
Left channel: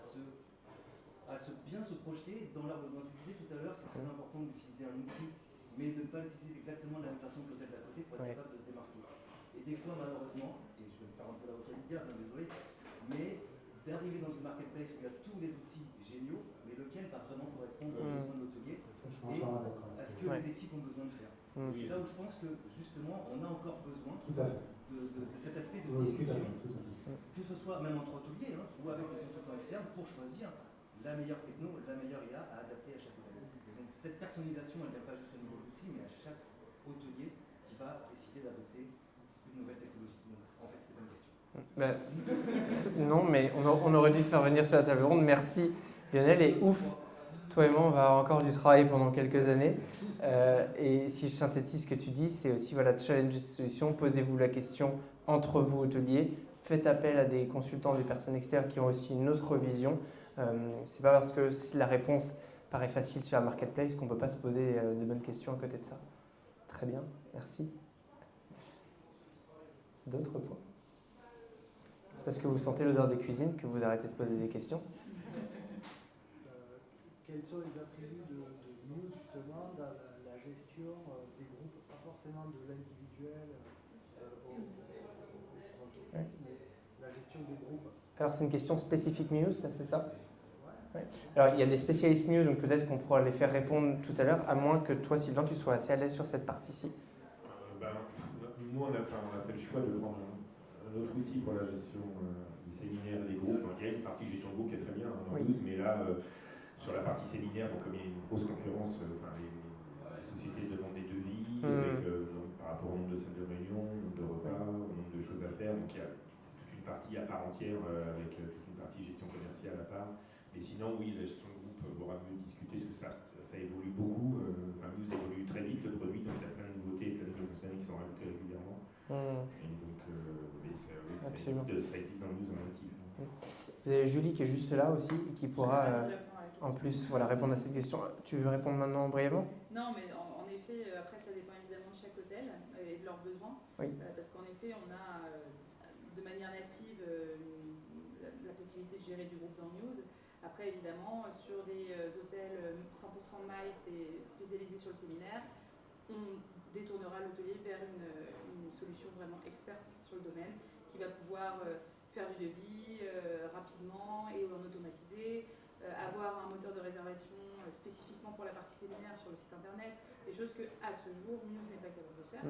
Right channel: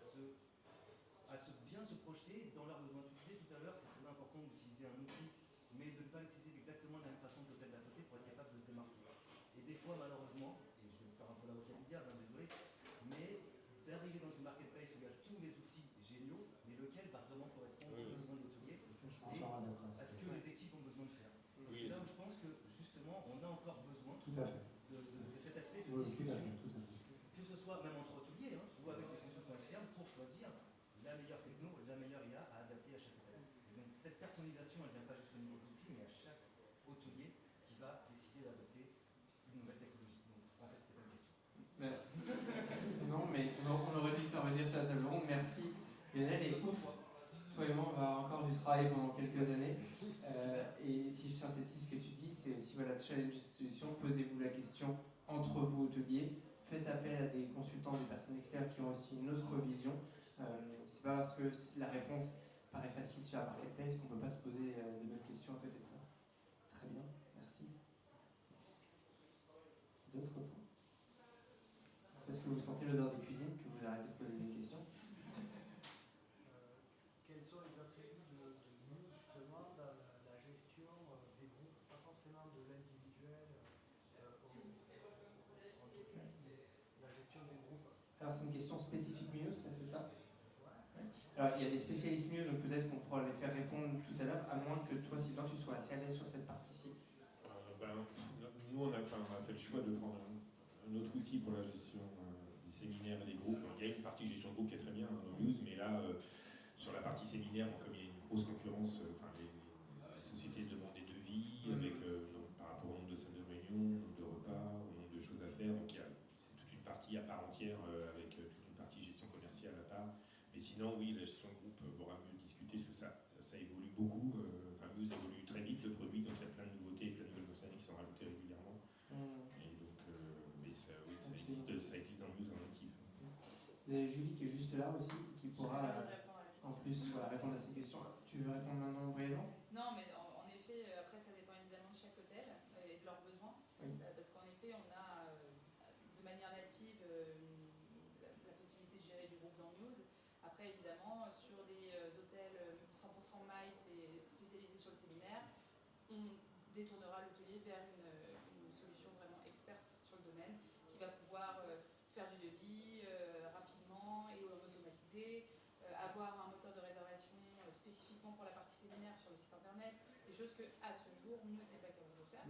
bien se projeter dans leurs besoins. Tu disais tout à l'heure, c'est très important d'utiliser un outil, mais de ne pas l'utiliser exactement de la même façon que l'hôtel d'à côté pour être capable de se démarquer. Et des fois, malheureusement, et je vais me faire un peu l'avocat du diable, désolé, mais d'arriver dans une marketplace où il y a tous les outils géniaux, mais lequel va vraiment correspondre aux besoins de l'hôtelier et à ce que les équipes ont besoin de faire. Et c'est là où je pense que justement on a encore besoin de cet aspect de discussion, que ce soit même entre hôteliers ou avec des consultants externes pour choisir la meilleure techno, la meilleure IA à adapter à chaque hôtel. Et donc cette personnalisation, elle ne vient pas juste au niveau de l'outil, mais à chaque hôtelier qui va décider d'adopter une nouvelle technologie. Donc en fait, c'était pas une question. Non, mais on aurait dû te faire venir sur la table ronde. Merci Lionel, et ouf, toi et moi on va avoir encore du travail pendant quelques années. Et si je synthétise ce que tu dis, c'est aussi voilà, challenger ces solutions, posez-vous la question entre vous hôteliers, faites appel à des consultants, des personnes externes qui ont aussi une autre vision. C'est pas parce que la réponse paraît facile sur la marketplace qu'on ne peut pas se poser de bonnes questions à côté de ça. Très bien, merci. D'autres points? C'est parce que vous sentez l'odeur des cuisines que vous arrêtez de poser des questions? Quels sont les attributs de Muse justement dans la gestion des groupes, pas forcément de l'individuel au front office, mais la gestion des groupes? Alors c'est une question spécifique Muse, ça c'est ça? Ouais. Alors il y a des spécialistes Muse, donc peut-être qu'on pourra les faire répondre tout à l'heure, à moins que toi Sylvain tu sois assez à l'aise sur cette partie-ci. Nous on a fait le choix de prendre un autre outil pour la gestion des séminaires et des groupes. Il y a une partie gestion de groupe qui est très bien dans Muse, mais là sur la partie séminaire, comme il y a une grosse concurrence, les sociétés demandent des devis par rapport au nombre de salles de réunion, au nombre de repas, au nombre de choses à faire. Donc c'est toute une partie à part entière avec toute une partie gestion commerciale à part. Mais sinon, oui, la gestion de groupe aura mieux discuter parce que ça évolue beaucoup. Muse évolue très vite le produit, donc il y a plein de nouveautés, plein de fonctionnalités qui sont rajoutées régulièrement. Et donc, mais ça existe dans Muse en natif. Vous avez Julie qui est juste là aussi et qui pourra en plus répondre à cette question. Tu veux répondre maintenant brièvement? Non, mais en effet, après ça dépend évidemment de chaque hôtel et de leurs besoins. Parce qu'en effet, on a de manière native la possibilité de gérer du groupe dans Muse. Après, évidemment, sur des hôtels 100% MICE et spécialisés sur le séminaire, on détournera l'hôtelier vers une solution vraiment experte sur le domaine qui va pouvoir faire du devis rapidement et en automatisé, avoir un moteur de réservation spécifiquement pour la partie séminaire sur le site internet, des choses que à ce jour Muse n'est pas capable de faire,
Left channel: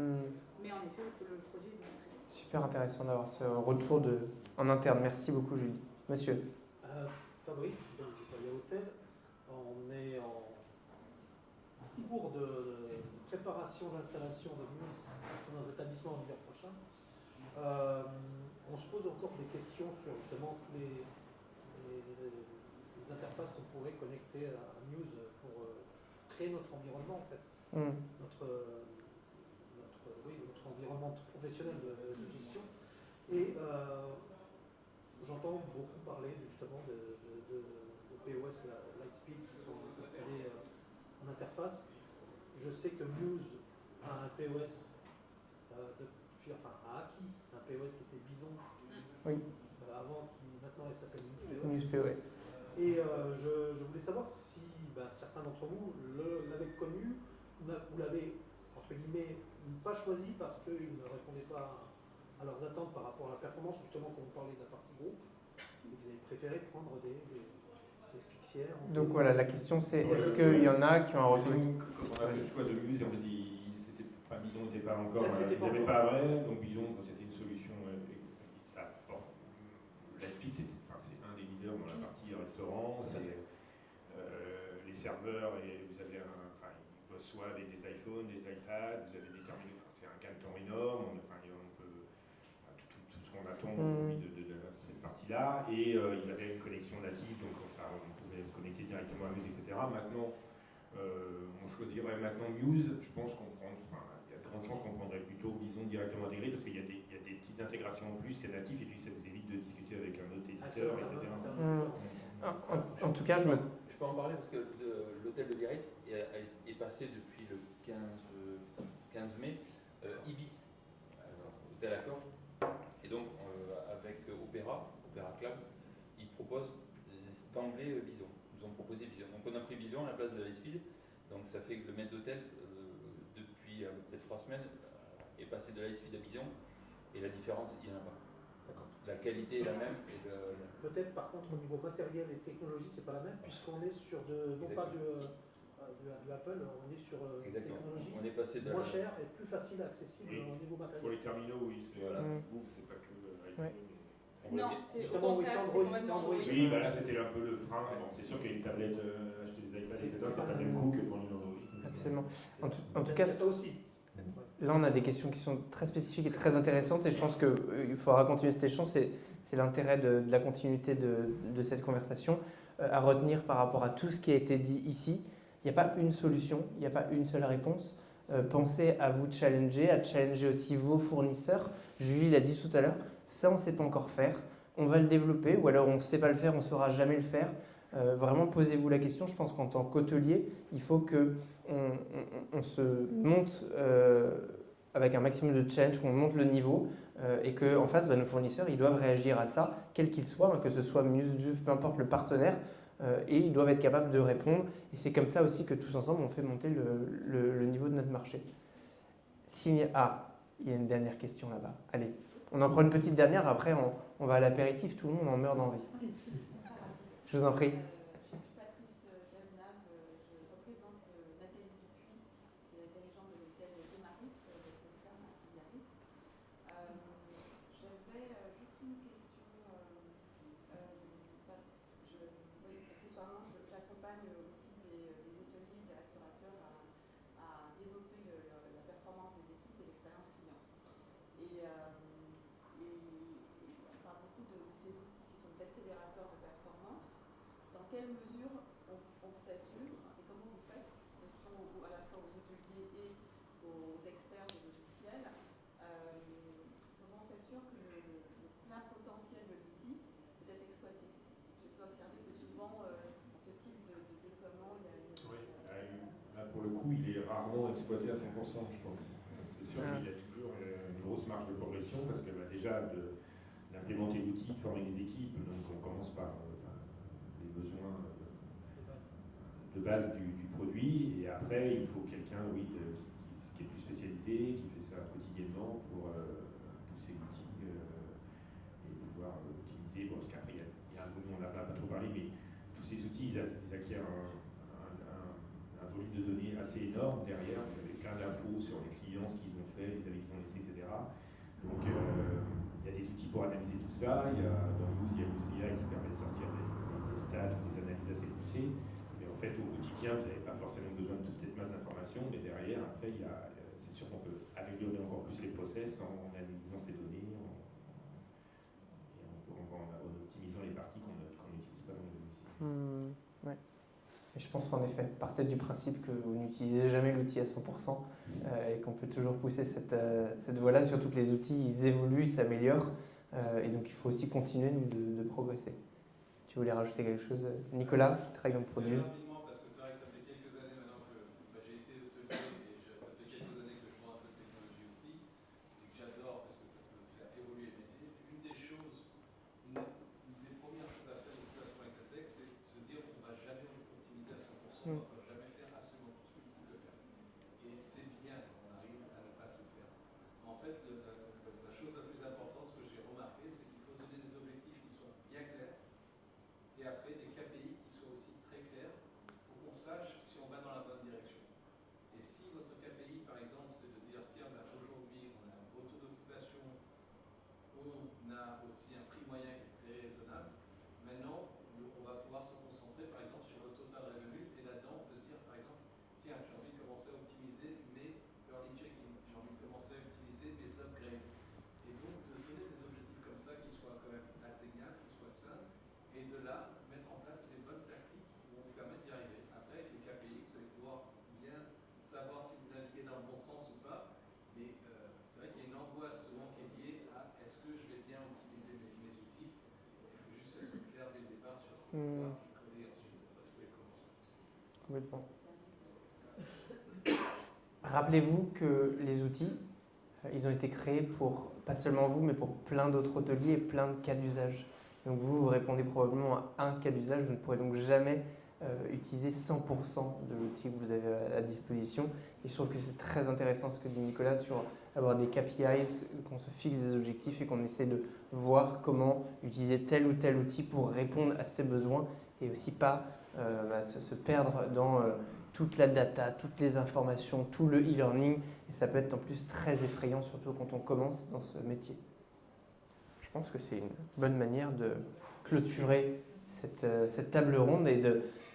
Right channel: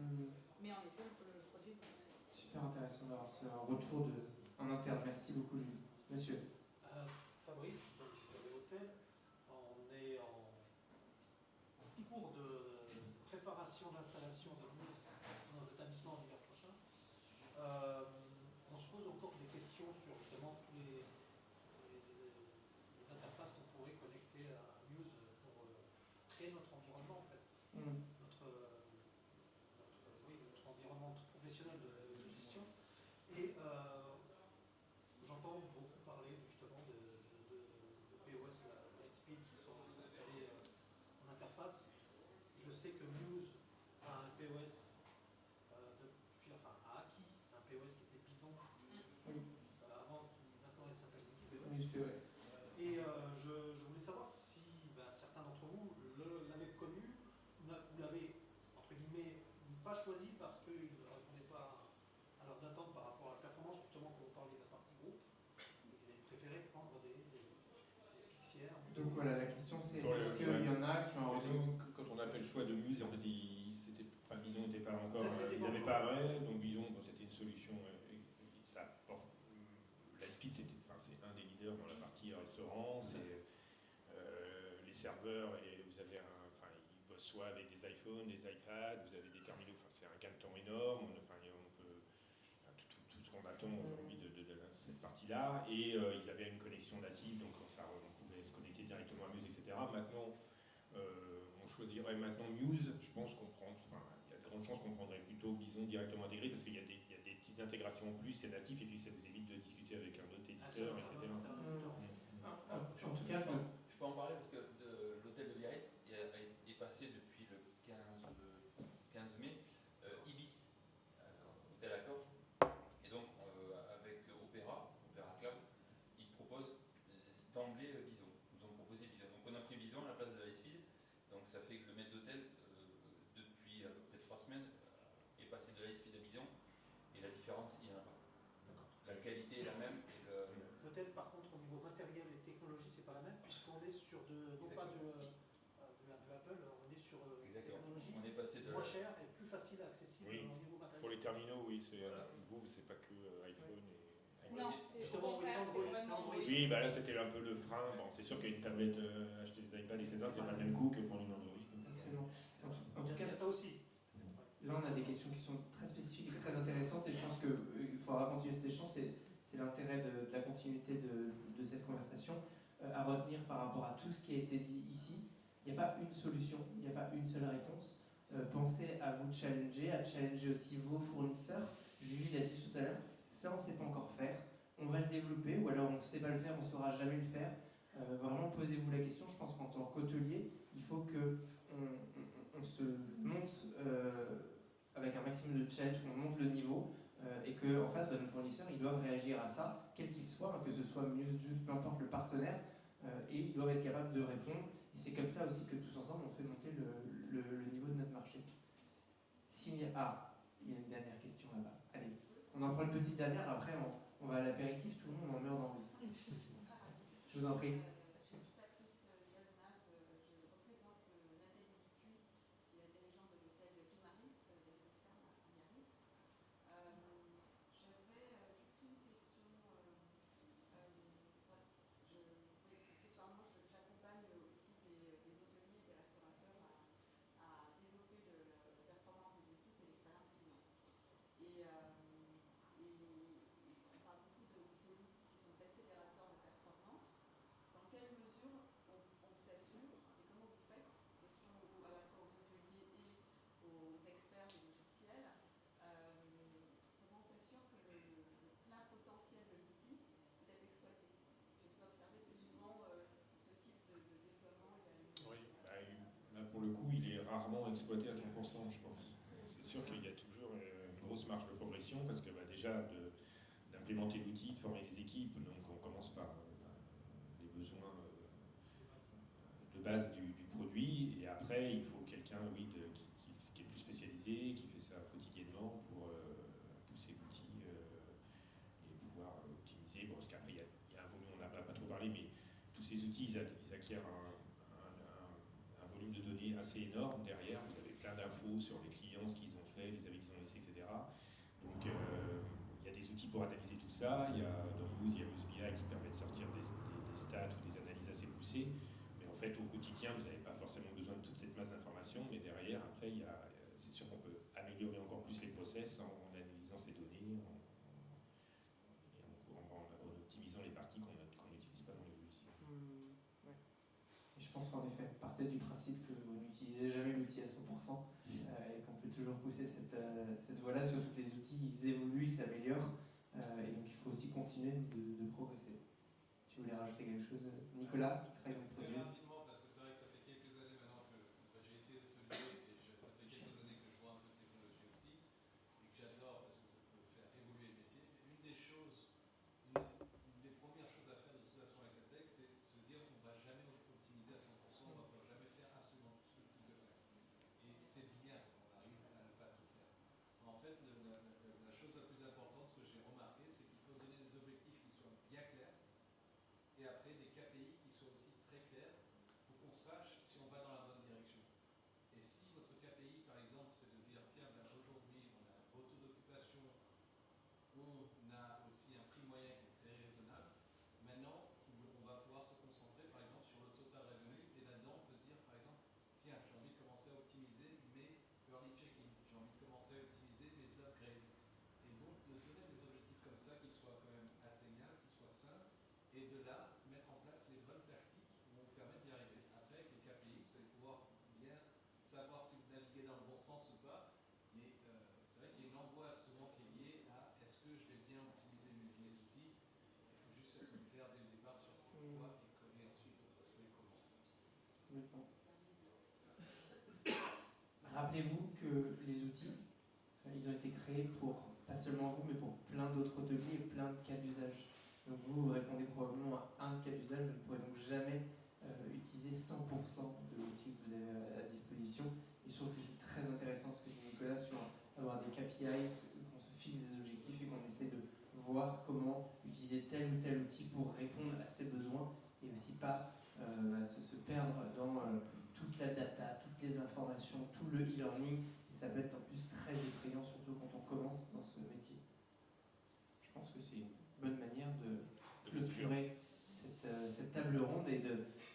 mais en effet le produit est très vite. Super intéressant d'avoir ce retour en interne. Merci beaucoup Julie. Monsieur. Fabrice, donc du Palais Hôtel, on est en cours de préparation d'installation de Muse dans notre établissement en hiver prochain. On se pose encore des questions sur justement tous les interfaces qu'on pourrait connecter à Muse pour créer notre environnement en fait, notre environnement professionnel de gestion. Et j'entends beaucoup parler justement de POS Lightspeed qui sont installés en interface. Je sais que Muse a un POS a acquis un POS qui était Bison avant, maintenant elle s'appelle Muse POS. Et je voulais savoir si certains d'entre vous l'avaient connu, ou l'avaient entre guillemets pas choisi parce qu'ils ne répondaient pas à leurs attentes par rapport à la performance, justement quand vous parlez de la partie groupe, et qu'ils avaient préféré prendre des Pixières. Donc voilà, la question c'est est-ce qu'il y en a qui ont un retour? Comme on a fait le choix de Muse, en fait, Bison n'était pas encore, ils n'avaient pas vrai, donc Bison c'était une solution. Lightspeed c'est un des leaders dans la partie restaurant, les serveurs, et vous avez ils bossent soit avec des iPhones, des iPads, vous avez des terminaux, c'est un gain de temps énorme, on peut tout ce qu'on attend de cette partie-là, et ils avaient une connexion native, donc on pouvait se connecter directement à Muse, etc. Maintenant, on choisirait maintenant Muse, je pense qu'on prend, il y a de grandes chances qu'on prendrait plutôt Bison directement intégré, parce qu'il y a des petites intégrations en plus, c'est natif, et puis ça vous évite de discuter avec un autre éditeur, etc. En tout cas, je peux en parler parce que l'hôtel de Biarritz est passé depuis le 15 mai Ibis, hôtel à Corge. Et donc, avec Opéra Club, ils proposent d'emblée Bison. Ils nous ont proposé Bison. Donc, on a pris Bison à la place de Lightspeed. Donc, ça fait que le maître d'hôtel, depuis à peu près 3 semaines, est passé de Lightspeed à Bison. Et la différence, il n'y en a pas. La qualité est la même. Peut-être par contre au niveau matériel et technologie, c'est pas la même, puisqu'on est sur non pas de Apple, on est sur technologie on est passé moins chère et plus facile accessible au niveau matériel. Pour les terminaux, oui, c'est c'est pas que iPhone. Ouais. Non, c'est justement oui, c'est Android. Oui, bah là c'était un peu le frein. Bon, c'est sûr qu'une tablette, acheter des iPads, etc., c'est pas le même coût que pour une Android. Absolument. En tout cas, ça aussi. Là, on a des questions qui sont très spécifiques et très intéressantes et je pense qu'il faudra continuer cet échange. C'est l'intérêt de la continuité de cette conversation. À retenir par rapport à tout ce qui a été dit ici, il n'y a pas une solution, il n'y a pas une seule réponse. Pensez à vous challenger, à challenger aussi vos fournisseurs. Julie l'a dit tout à l'heure, ça on ne sait pas encore faire. On va le développer ou alors on ne sait pas le faire, on ne saura jamais le faire. Vraiment posez-vous la question. Je pense qu'en tant qu'hôtelier, il faut qu'on se monte avec un maximum de challenge, qu'on monte le niveau et qu'en face, nos fournisseurs, ils doivent réagir à ça, quel qu'il soit, que ce soit Muse, peu importe le partenaire, et ils doivent être capables de répondre. Et c'est comme ça aussi que tous ensemble, on fait monter le niveau de notre marché. Il y a une dernière question là-bas. Allez, on en prend une petite dernière, après on va à l'apéritif, tout le monde en meurt d'envie. Je vous en prie. Il est rarement exploité à 100%, je pense. C'est sûr qu'il y a toujours une grosse marge de progression parce que déjà d'implémenter l'outil, de former les équipes, donc on commence par les besoins de base du produit et après il faut quelqu'un qui est plus spécialisé, qui fait ça quotidiennement pour pousser l'outil et pouvoir l'optimiser. Bon, parce qu'après il y a un volume, on n'a pas trop parlé, mais tous ces outils ils acquièrent un volume de données assez énorme derrière. Vous avez plein d'infos sur les clients, ce qu'ils ont fait, les avis qu'ils ont laissés, etc. Donc il y a des outils pour analyser tout ça. Dans Muse, il y a Muse BI qui permet de sortir des stats ou des analyses assez poussées. Mais en fait, au quotidien, vous n'avez pas forcément besoin de toute cette masse d'informations. Mais derrière, après, c'est sûr qu'on peut améliorer encore plus les process en analysant ces données et en optimisant les parties qu'on n'utilise pas dans les logiciels. Ouais. Je pense qu'en effet, partez du principe que vous n'utilisez jamais l'outil à 100% et qu'on peut toujours pousser cette voie-là, surtout que les outils ils évoluent, ils s'améliorent et donc il faut aussi continuer de progresser. Tu voulais rajouter quelque chose, Nicolas, qui travaille dans le produit? Rapidement, parce que c'est vrai que ça fait quelques années maintenant que j'ai été hôtelier et ça fait quelques années que je vois un peu de technologie aussi et que j'adore parce que ça peut faire évoluer le métier. Une des premières choses à faire de toute façon avec la tech, c'est de se dire on ne va jamais optimiser à 100%, on ne va jamais faire absolument tout ce que tu peux faire. Et c'est bien quand on arrive à ne pas tout faire. En fait, la chose la plus importante que j'ai remarqué, c'est qu'il faut donner des objectifs qui soient bien clairs et après des KPI qui soient aussi très clairs pour qu'on sache si on va dans la bonne direction. Et si notre KPI, par exemple, c'est de dire tiens, aujourd'hui on a un beau taux d'occupation, on a aussi un prix moyen qui est très raisonnable, maintenant on va pouvoir se concentrer par exemple sur le total revenu et là-dedans on peut se dire par exemple tiens, j'ai envie de commencer à optimiser mes early check-in, j'ai envie de commencer à optimiser mes upgrades. Et donc de se donner des objectifs comme ça qui soient quand même atteignables, qui soient sains, et de là mettre en place les bonnes tactiques qui vont vous permettre d'y arriver. Après, avec les KPI, Complètement. Rappelez-vous que les outils, ils ont été créés pour, pas seulement vous, mais pour plein d'autres hôteliers et plein de cas d'usage. Donc vous répondez probablement à un cas d'usage, vous ne pourrez donc jamais utiliser 100% de l'outil que vous avez à disposition. Et je trouve que c'est très intéressant ce que dit Nicolas sur avoir des KPIs, qu'on se fixe des objectifs et qu'on essaie de voir comment utiliser tel ou tel outil pour répondre à ses besoins et aussi pas se perdre dans toute la data, toutes les informations, tout le e-learning. Et ça peut être en plus très effrayant, surtout quand on commence dans ce métier. Je pense que c'est une bonne manière de clôturer cette table ronde et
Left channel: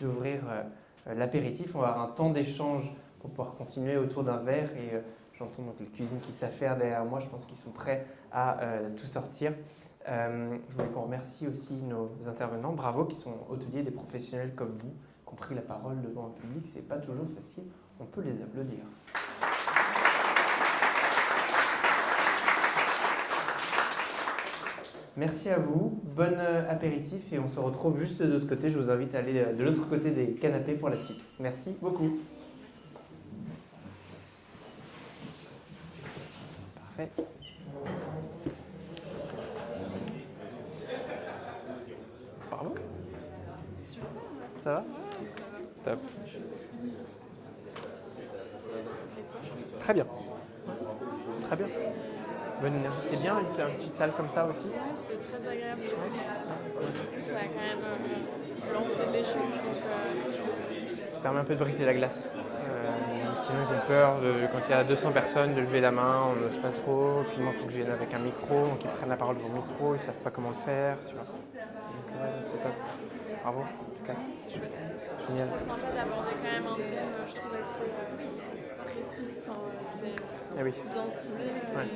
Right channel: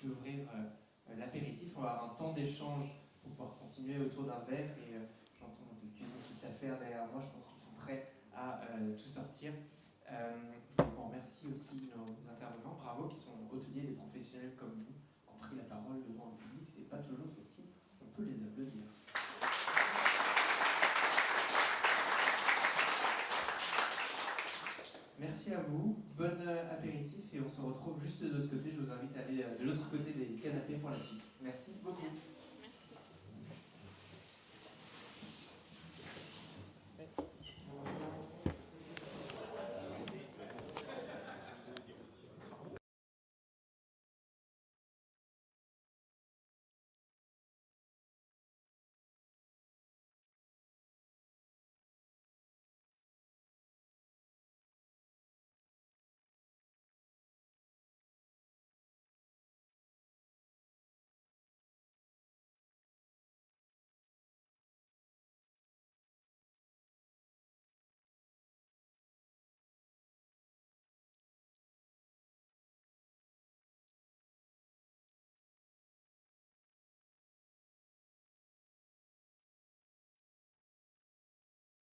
d'ouvrir l'apéritif. On va avoir un temps d'échange pour pouvoir continuer autour d'un verre et j'entends donc les cuisines qui s'affairent derrière moi. Je pense qu'ils sont prêts à tout sortir. Je voulais qu'on remercie aussi nos intervenants. Bravo, qui sont hôteliers, des professionnels comme vous, qui ont pris la parole devant un public. C'est pas toujours facile. On peut les applaudir. Merci à vous, bon apéritif et on se retrouve juste de l'autre côté. Je vous invite à aller de l'autre côté des canapés pour la suite. Merci beaucoup. Parfait. Pardon ? Ça va ? Top. Très bien. Très bien. Bonne énergie. C'est bien une petite salle comme ça aussi ? Ouais, c'est très agréable. Du coup, ça a quand même lancé de l'échange, donc c'est chouette. Ça permet un peu de briser la glace. Sinon, ils ont peur, quand il y a 200 personnes, de lever la main, on n'ose pas trop. Puis moi, il faut que je vienne avec un micro, donc ils prennent la parole devant le micro, ils ne savent pas comment le faire, tu vois. Donc c'est top. Bravo, en tout cas. C'est chouette. Génial. C'est sympa d'aborder quand même un thème, je trouve, assez précis. Enfin, c'était bien ciblé. Ouais.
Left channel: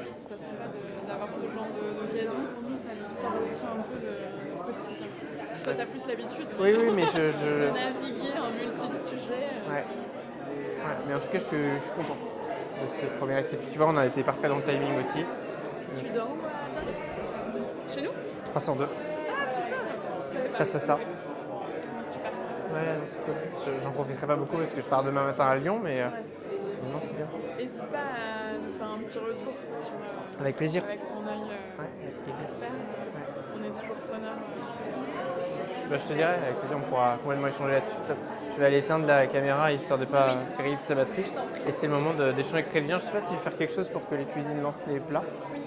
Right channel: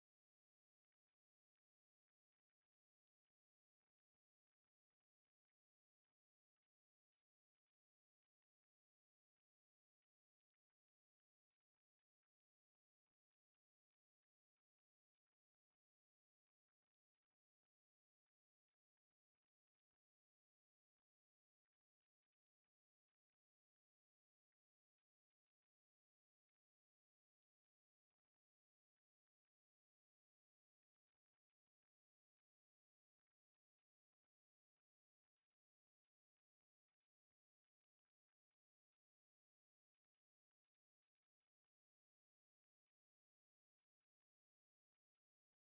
Et je trouve ça sympa d'avoir ce genre d'occasion. Pour nous, ça nous sort aussi un peu de quotidien. Toi, tu as plus l'habitude oui, mais de naviguer en multi-sujets. Ouais, mais en tout cas, je suis content de ce premier essai. Puis tu vois, on a été parfait dans le timing aussi. Tu dors à Paris ? Chez nous ? 302. Ah, super. Face à ça. Super. Ouais, non, c'est cool. J'en profiterai pas beaucoup parce que je pars demain matin à Lyon, mais non, c'est bien. N'hésite pas à nous faire un petit retour sur, avec plaisir. Avec ton œil avec plaisir. expert. On est toujours preneurs. Je te dirai, avec plaisir, on pourra complètement échanger là-dessus. Top. Je vais aller éteindre la caméra histoire de ne pas griller sa batterie. Et c'est le moment d'échanger avec Crélien. Je ne sais pas s'il veut faire quelque chose pour que les cuisines lancent les plats. Oui.